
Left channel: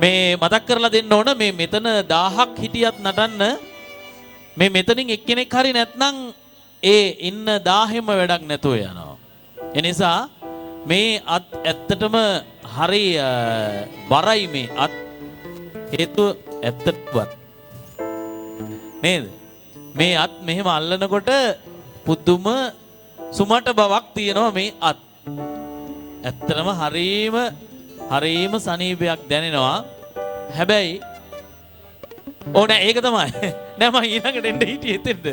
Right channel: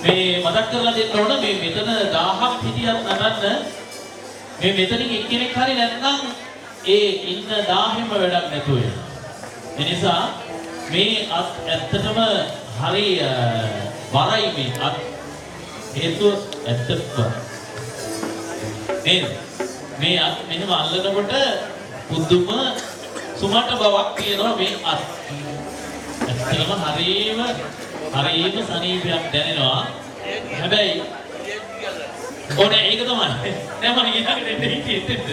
මේ මතක් කරලා දෙන්න ඕන මේ මෙතන 1000ක් හිටියත් නටන්න මේ මෙතනින් එක්කෙනෙක් හරි නැත්නම් ඒ ඉන්න 1000ෙම වැඩක් නැතුව යනවා. ඒ නිසා මේ ඇත්තටම හරි බරයි මේ හේතුව ඇත්තටම නේද? මේ මෙහෙම අල්ලනකොට පුදුම සුමට බවක් තියෙනවා මේ ඇත්තටම හරීම සනීපයක් දැනෙනවා. හැබැයි ඕනේ ඒක තමයි. නෑ මම ඊළඟට දෙන්න හිතෙන්න.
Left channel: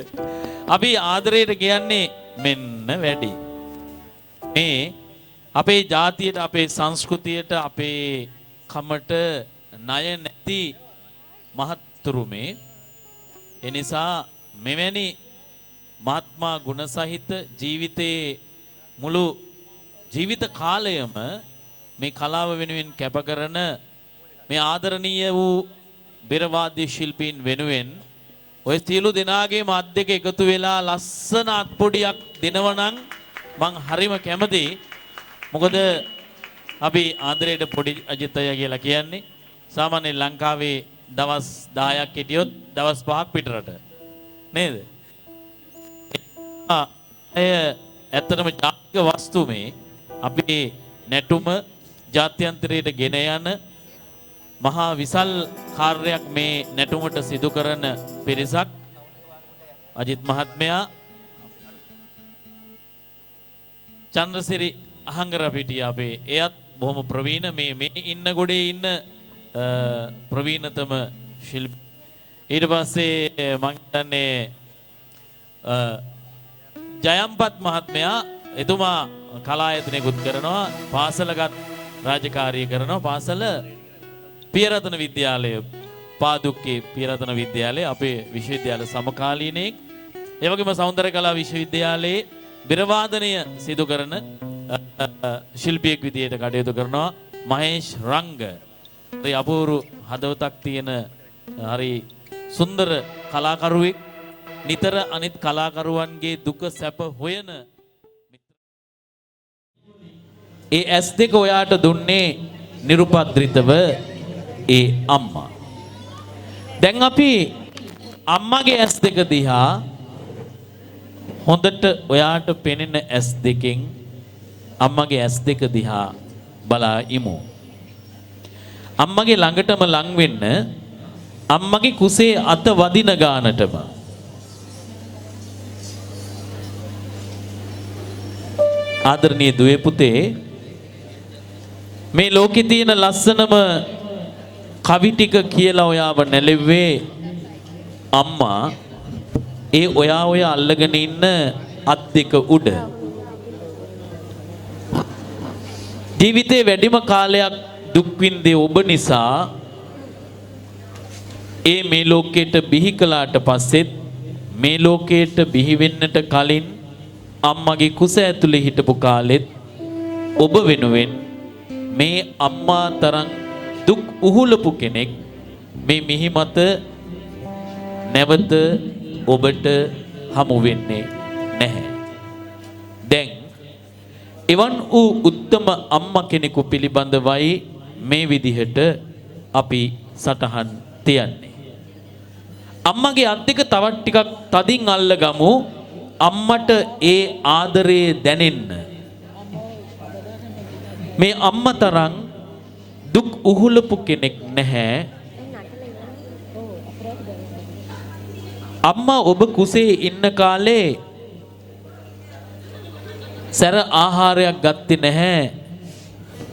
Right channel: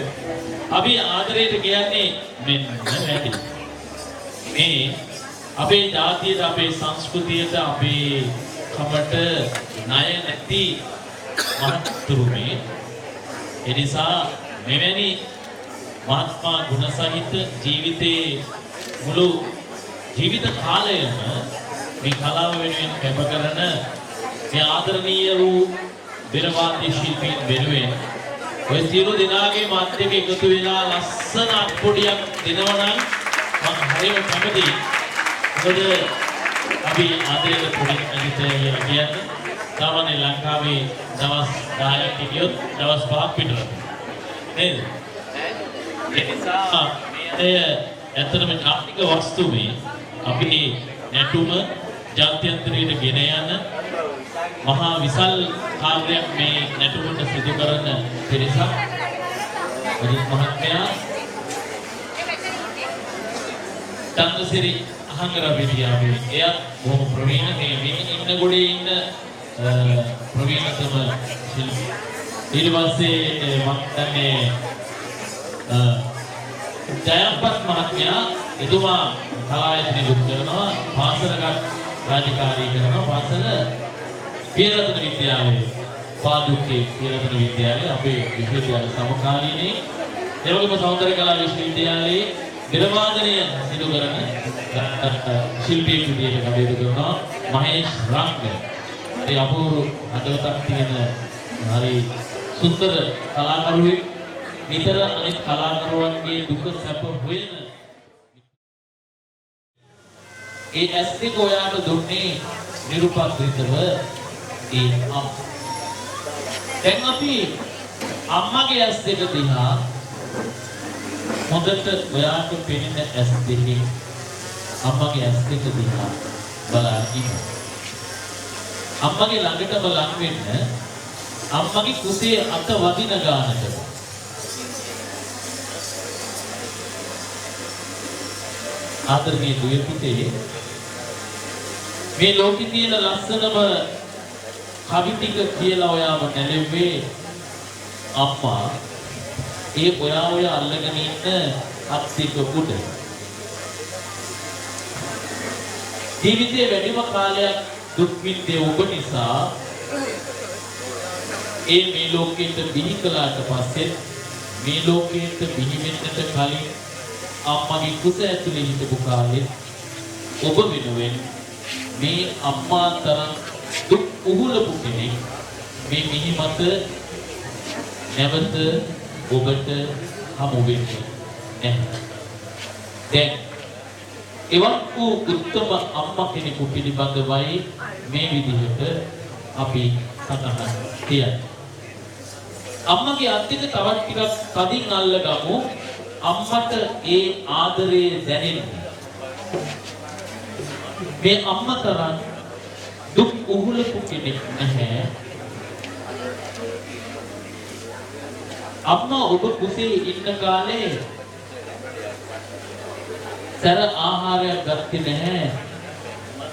අපි ආදරයට කියන්නේ මෙන්න වැඩි. මේ අපේ ජාතියට, අපේ සංස්කෘතියට, අපේ කමට ණය නැති මහත්තුරුමේ. ඒ නිසා මෙවැනි මහත්මා ගුණ සහිත ජීවිතේ මුළු ජීවිත කාලයම මේ කලාව වෙනුවෙන් කැප කරන මේ ආදරණීය වූ බිරවාදී ශිල්පීන් වෙනුවෙන් ඔය සියලු දෙනාගේ මාත් එක්ක එකතු වෙලා ලස්සන අත්පොඩියක් දෙනවා නම් මම හරිම කැමතියි. මොකද අපි ආදරයට පොඩි අජිතය කියලා කියන්නේ සාමාන්‍ය ලංකාවේ දවස් 10ක් හිටියොත් දවස් 5ක් පිටරට නේද? ඒ නිසා මේ ඇත්තටම ජාතික වස්තු මේ අපි නැටුම ජාත්‍යන්තරයට ගෙන යන මහා විශාල කාර්යයක් මේ නැටුමට සිදු කරන පිරිසක්. අජිත් මහත්මයා චන්ද්‍රසිරි අහංගර බිබියාගේ එයත් බොහොම ප්‍රවීණ මේ ඉන්න ගොඩේ ඉන්න ප්‍රවීණතම ශිල්පී. ඊට පස්සේ මම දන්නේ ජයම්පත් මහත්මයා එතුමා කලායතනෙකුත් කරනවා, පාසලක රාජකාරී කරනවා. පාසල පියරතන විද්‍යාලයේ පාදුක්කේ පියරතන විද්‍යාලයේ අපේ විශ්වවිද්‍යාල සමකාලීනයේ ඒ වගේම සෞන්දර්ය කලා විශ්වවිද්‍යාලයේ බිරවාදනය සිදු කරන ශිල්පී විදියට කටයුතු කරනවා මහේෂ් රංග. ඒ අපූර්ව හදවතක් තියෙන හරි සුන්දර කලාකරුවෙක්. නිතර අනිත් කලාකරුවන්ගේ දුක සැප හොයන ඒ ඇස් දෙක ඔයාට දුන්නේ නිරුපද්‍රිතව ඒ අම්මා. දැන් අපි අම්මගේ ඇස් දෙක දිහා හොඳට ඔයාට පෙනෙන ඇස් දෙකෙන් අම්මගේ ඇස් දෙක දිහා බලා ඉමු. අම්මගේ ළඟටම ලං වෙන්න අම්මගේ කුසේ අත වදින ගානටම. ආදරණීය දුවේ පුතේ, මේ ලෝකේ තියෙන ලස්සනම කවි ටික කියලා ඔයාව නැලෙව්වේ අම්මා. ඒ ඔය අල්ලගෙන ඉන්න අත් දෙක උඩ. ජීවිතේ වැඩිම කාලයක් දුක් විඳේ ඔබ නිසා ඒ මේ ලෝකයට බිහි කළාට පස්සෙත් මේ ලෝකයට බිහි වෙන්නට කලින් අම්මගේ කුස ඇතුලේ හිටපු කාලෙත් ඔබ වෙනුවෙන් මේ අම්මා තරම් දුක් උහුලපු කෙනෙක් මේ මිහි මත නැවත ඔබට හමු වෙන්නේ නැහැ. දැන් එවන් වූ උත්තම අම්මා කෙනෙකු පිළිබඳවයි මේ විදිහට අපි සටහන් තියන්නේ. අම්මගේ අත් දෙක තවත් ටිකක් තදින් අල්ලගමු. අම්මට ඒ ආදරේ දැනෙන්න. මේ අම්මා තරම් දුක් උහුලපු කෙනෙක් නැහැ. අම්මා ඔබ කුසේ ඉන්න කාලේ සැර ආහාරයක් ගත්තේ නැහැ.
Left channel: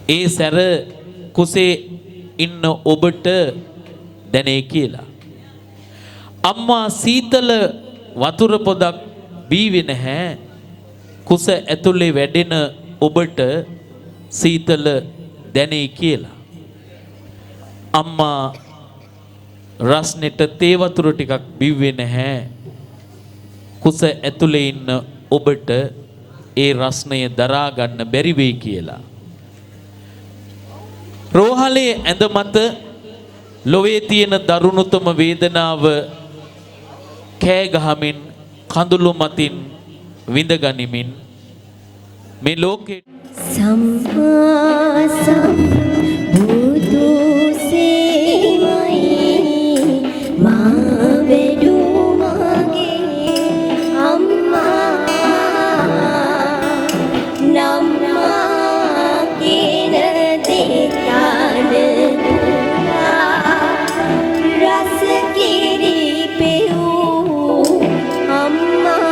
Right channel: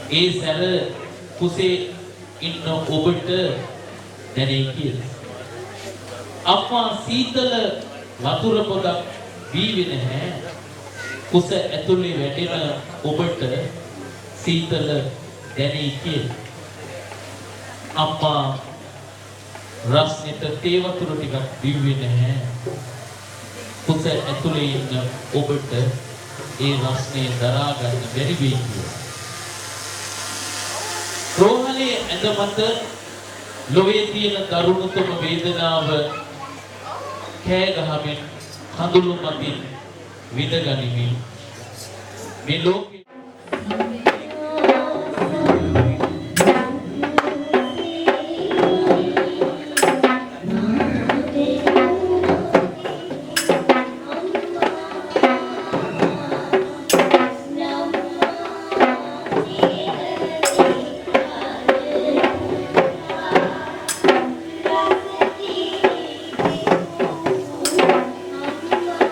ඒ සැර කුසේ ඉන්න ඔබට දැනේ කියලා. අම්මා සීතල වතුර පොදක් බීවේ නැහැ. කුස ඇතුලේ වැඩෙන ඔබට සීතල දැනේ කියලා. අම්මා රස්නෙට තේ වතුර ටිකක් බිව්වේ නැහැ. කුස ඇතුලේ ඉන්න ඔබට ඒ රස්නය දරා ගන්න බැරි වෙයි කියලා. රෝහලේ ඇඳ මත ලොවේ තියෙන දරුණුතම වේදනාව කෑ ගහමින් කඳුළු මතින් විඳ ගනිමින් මේ ලෝකේ සම්මා සම්බුදු සේවයි මා වෙඩු මගේ අම්මා නම්මා කින දෙතාන රස කිරි පෙවූ අම්මා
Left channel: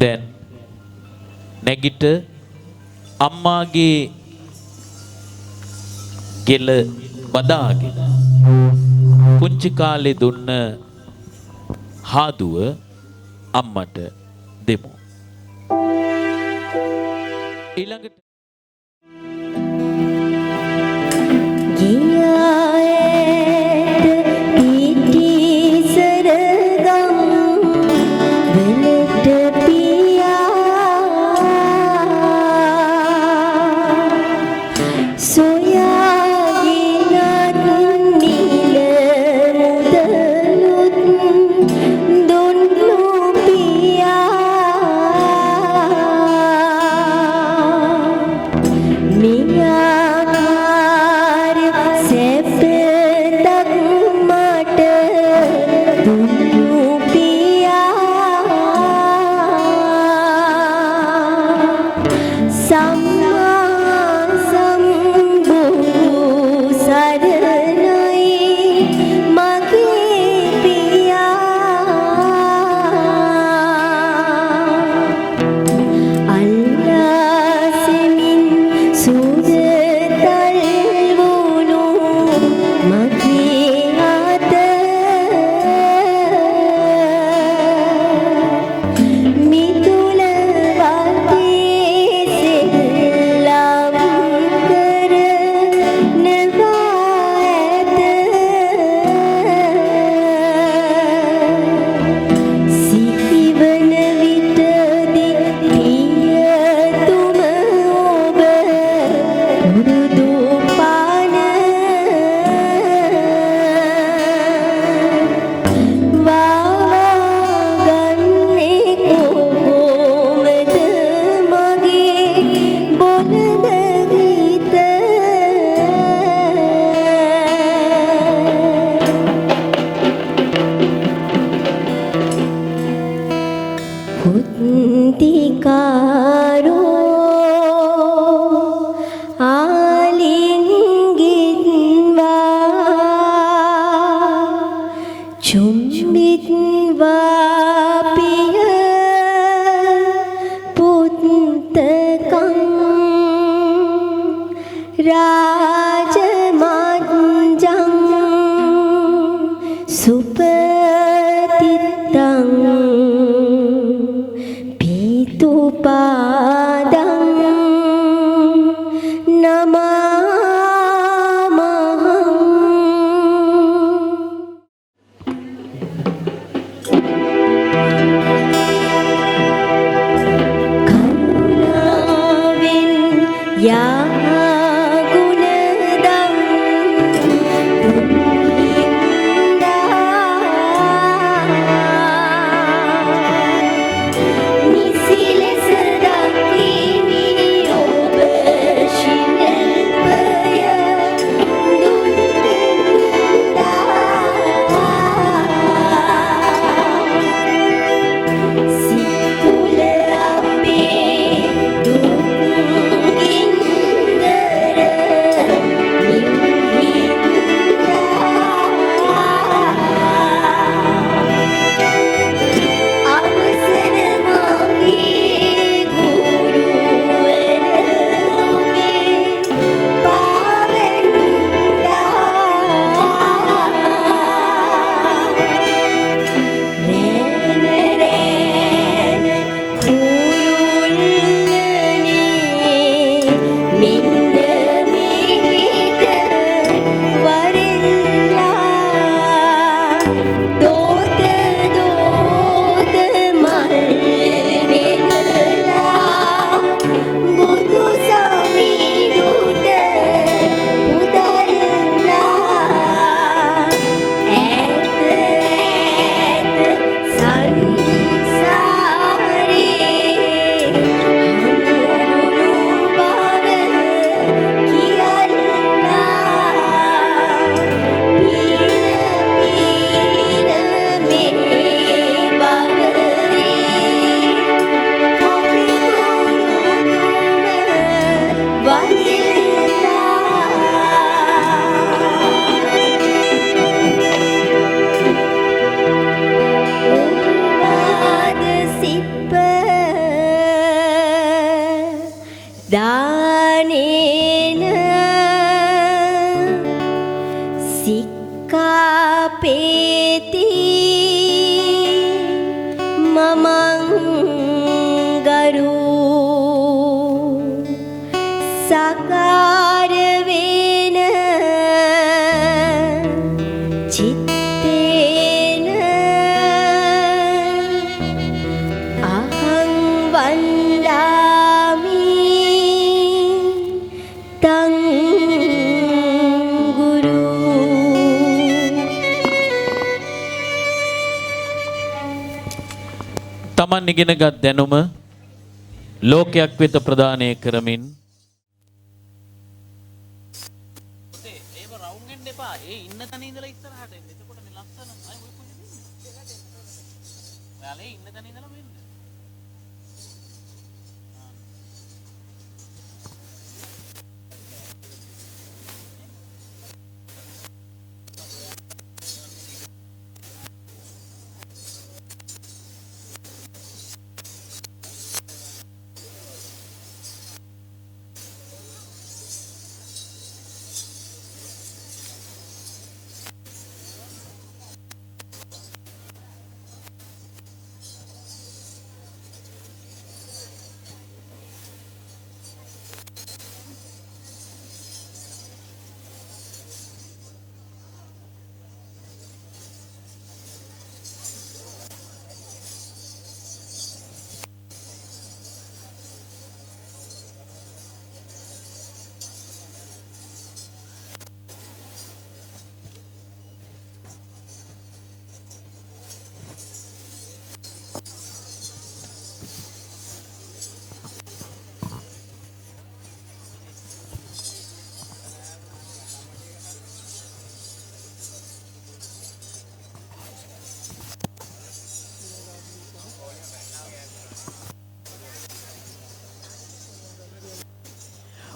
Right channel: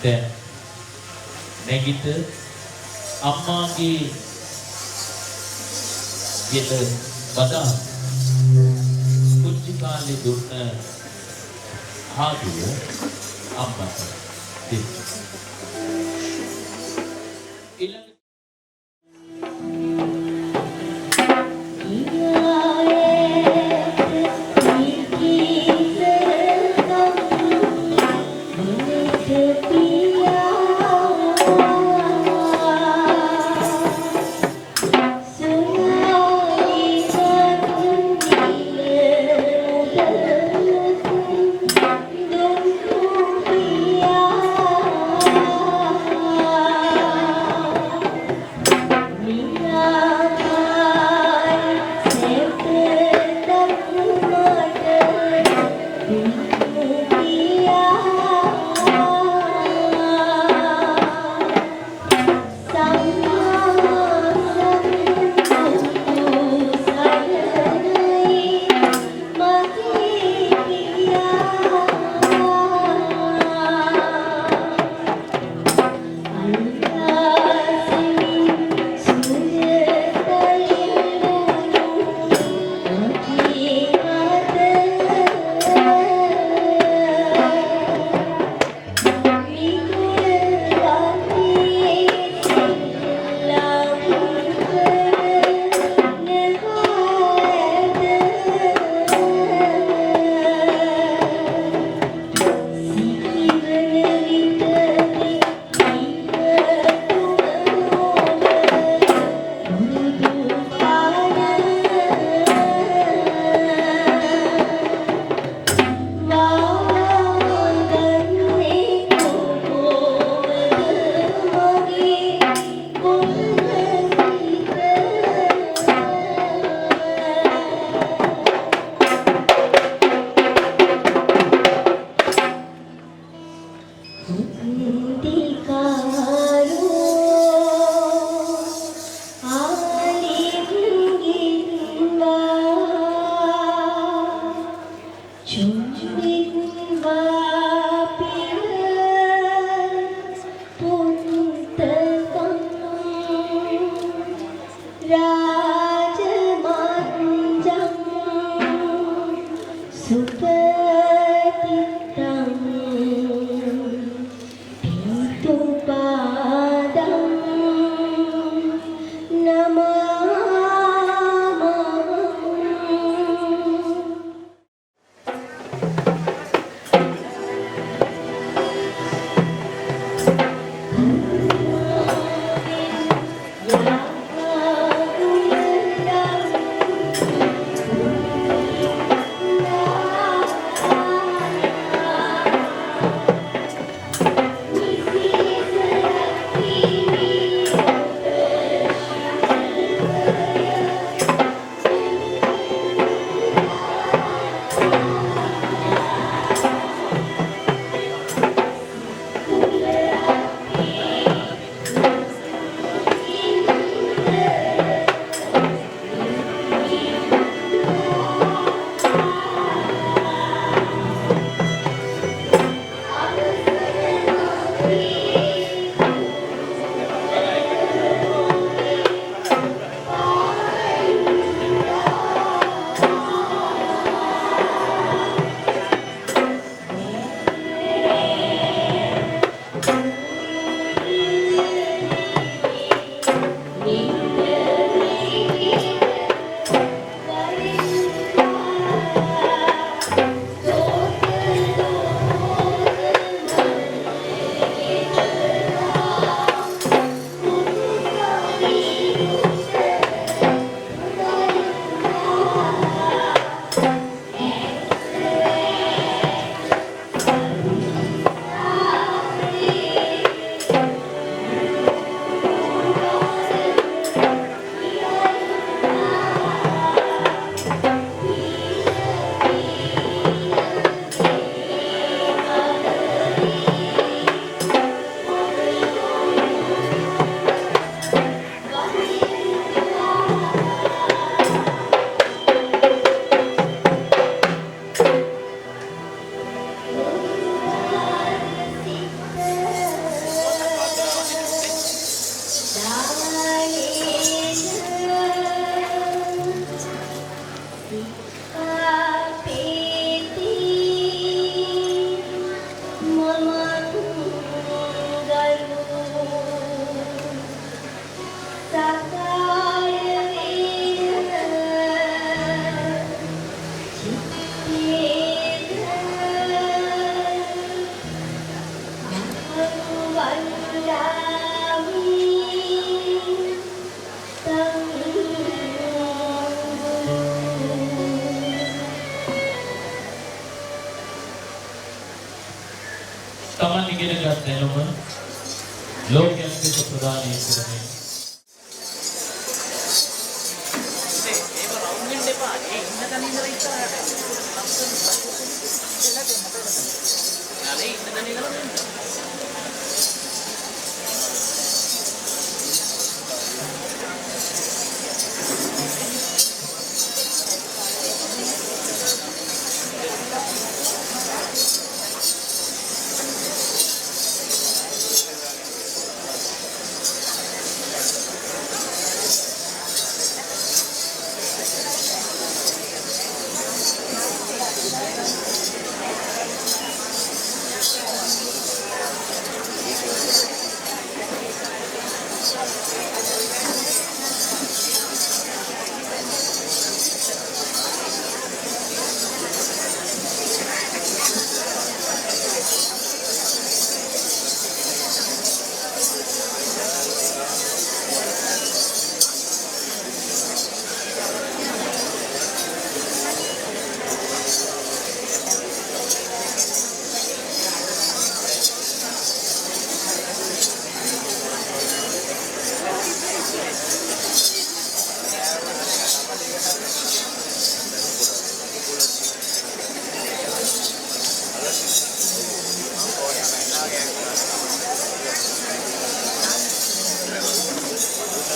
දැන් නැගිට අම්මාගේ ගෙල බදාගෙන කුංචි කාලේ දුන්න හාදුව අම්මට දෙමු. ඊළඟට තමන් ඉගෙනගත් දැනුම ලෝකයක් වෙත ප්‍රදානය කරමින්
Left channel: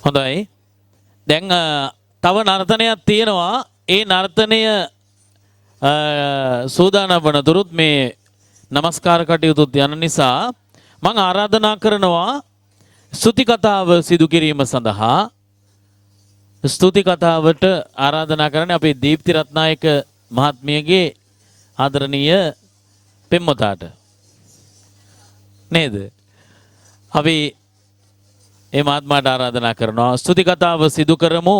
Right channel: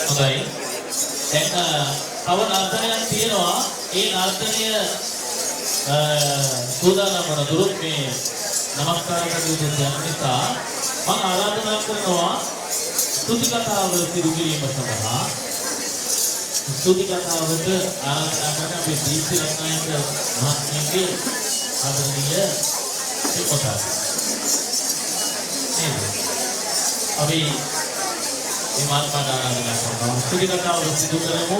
හොඳයි. දැන් තව නර්තනයක් තියෙනවා. ඒ නර්තනය සූදානම් වන දුරුත් මේ নমස්කාර කටයුතුත් යන නිසා මම ආරාධනා කරනවා ස්තුති කතාව සිදු කිරීම සඳහා ස්තුති කතාවට ආරාධනා කරන්නේ අපේ දීප්ති රත්නායක මහත්මියගේ ආදරණීය පෙම්වතාට. නේද? අපි මේ මහත්මයාට ආරාධනා කරනවා ස්තුති කතාව සිදු කරමු.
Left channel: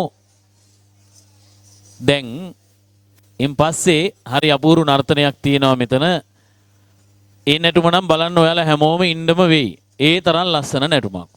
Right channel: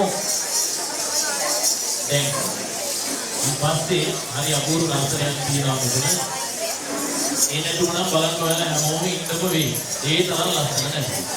දැන් ඉන් පස්සේ හරි අපූර්ව නර්තනයක් තියෙනවා මෙතන. ඒ නැටුම නම් බලන්න ඔයාලා හැමෝම ඉන්නම වෙයි. ඒ තරම් ලස්සන නැටුමක්.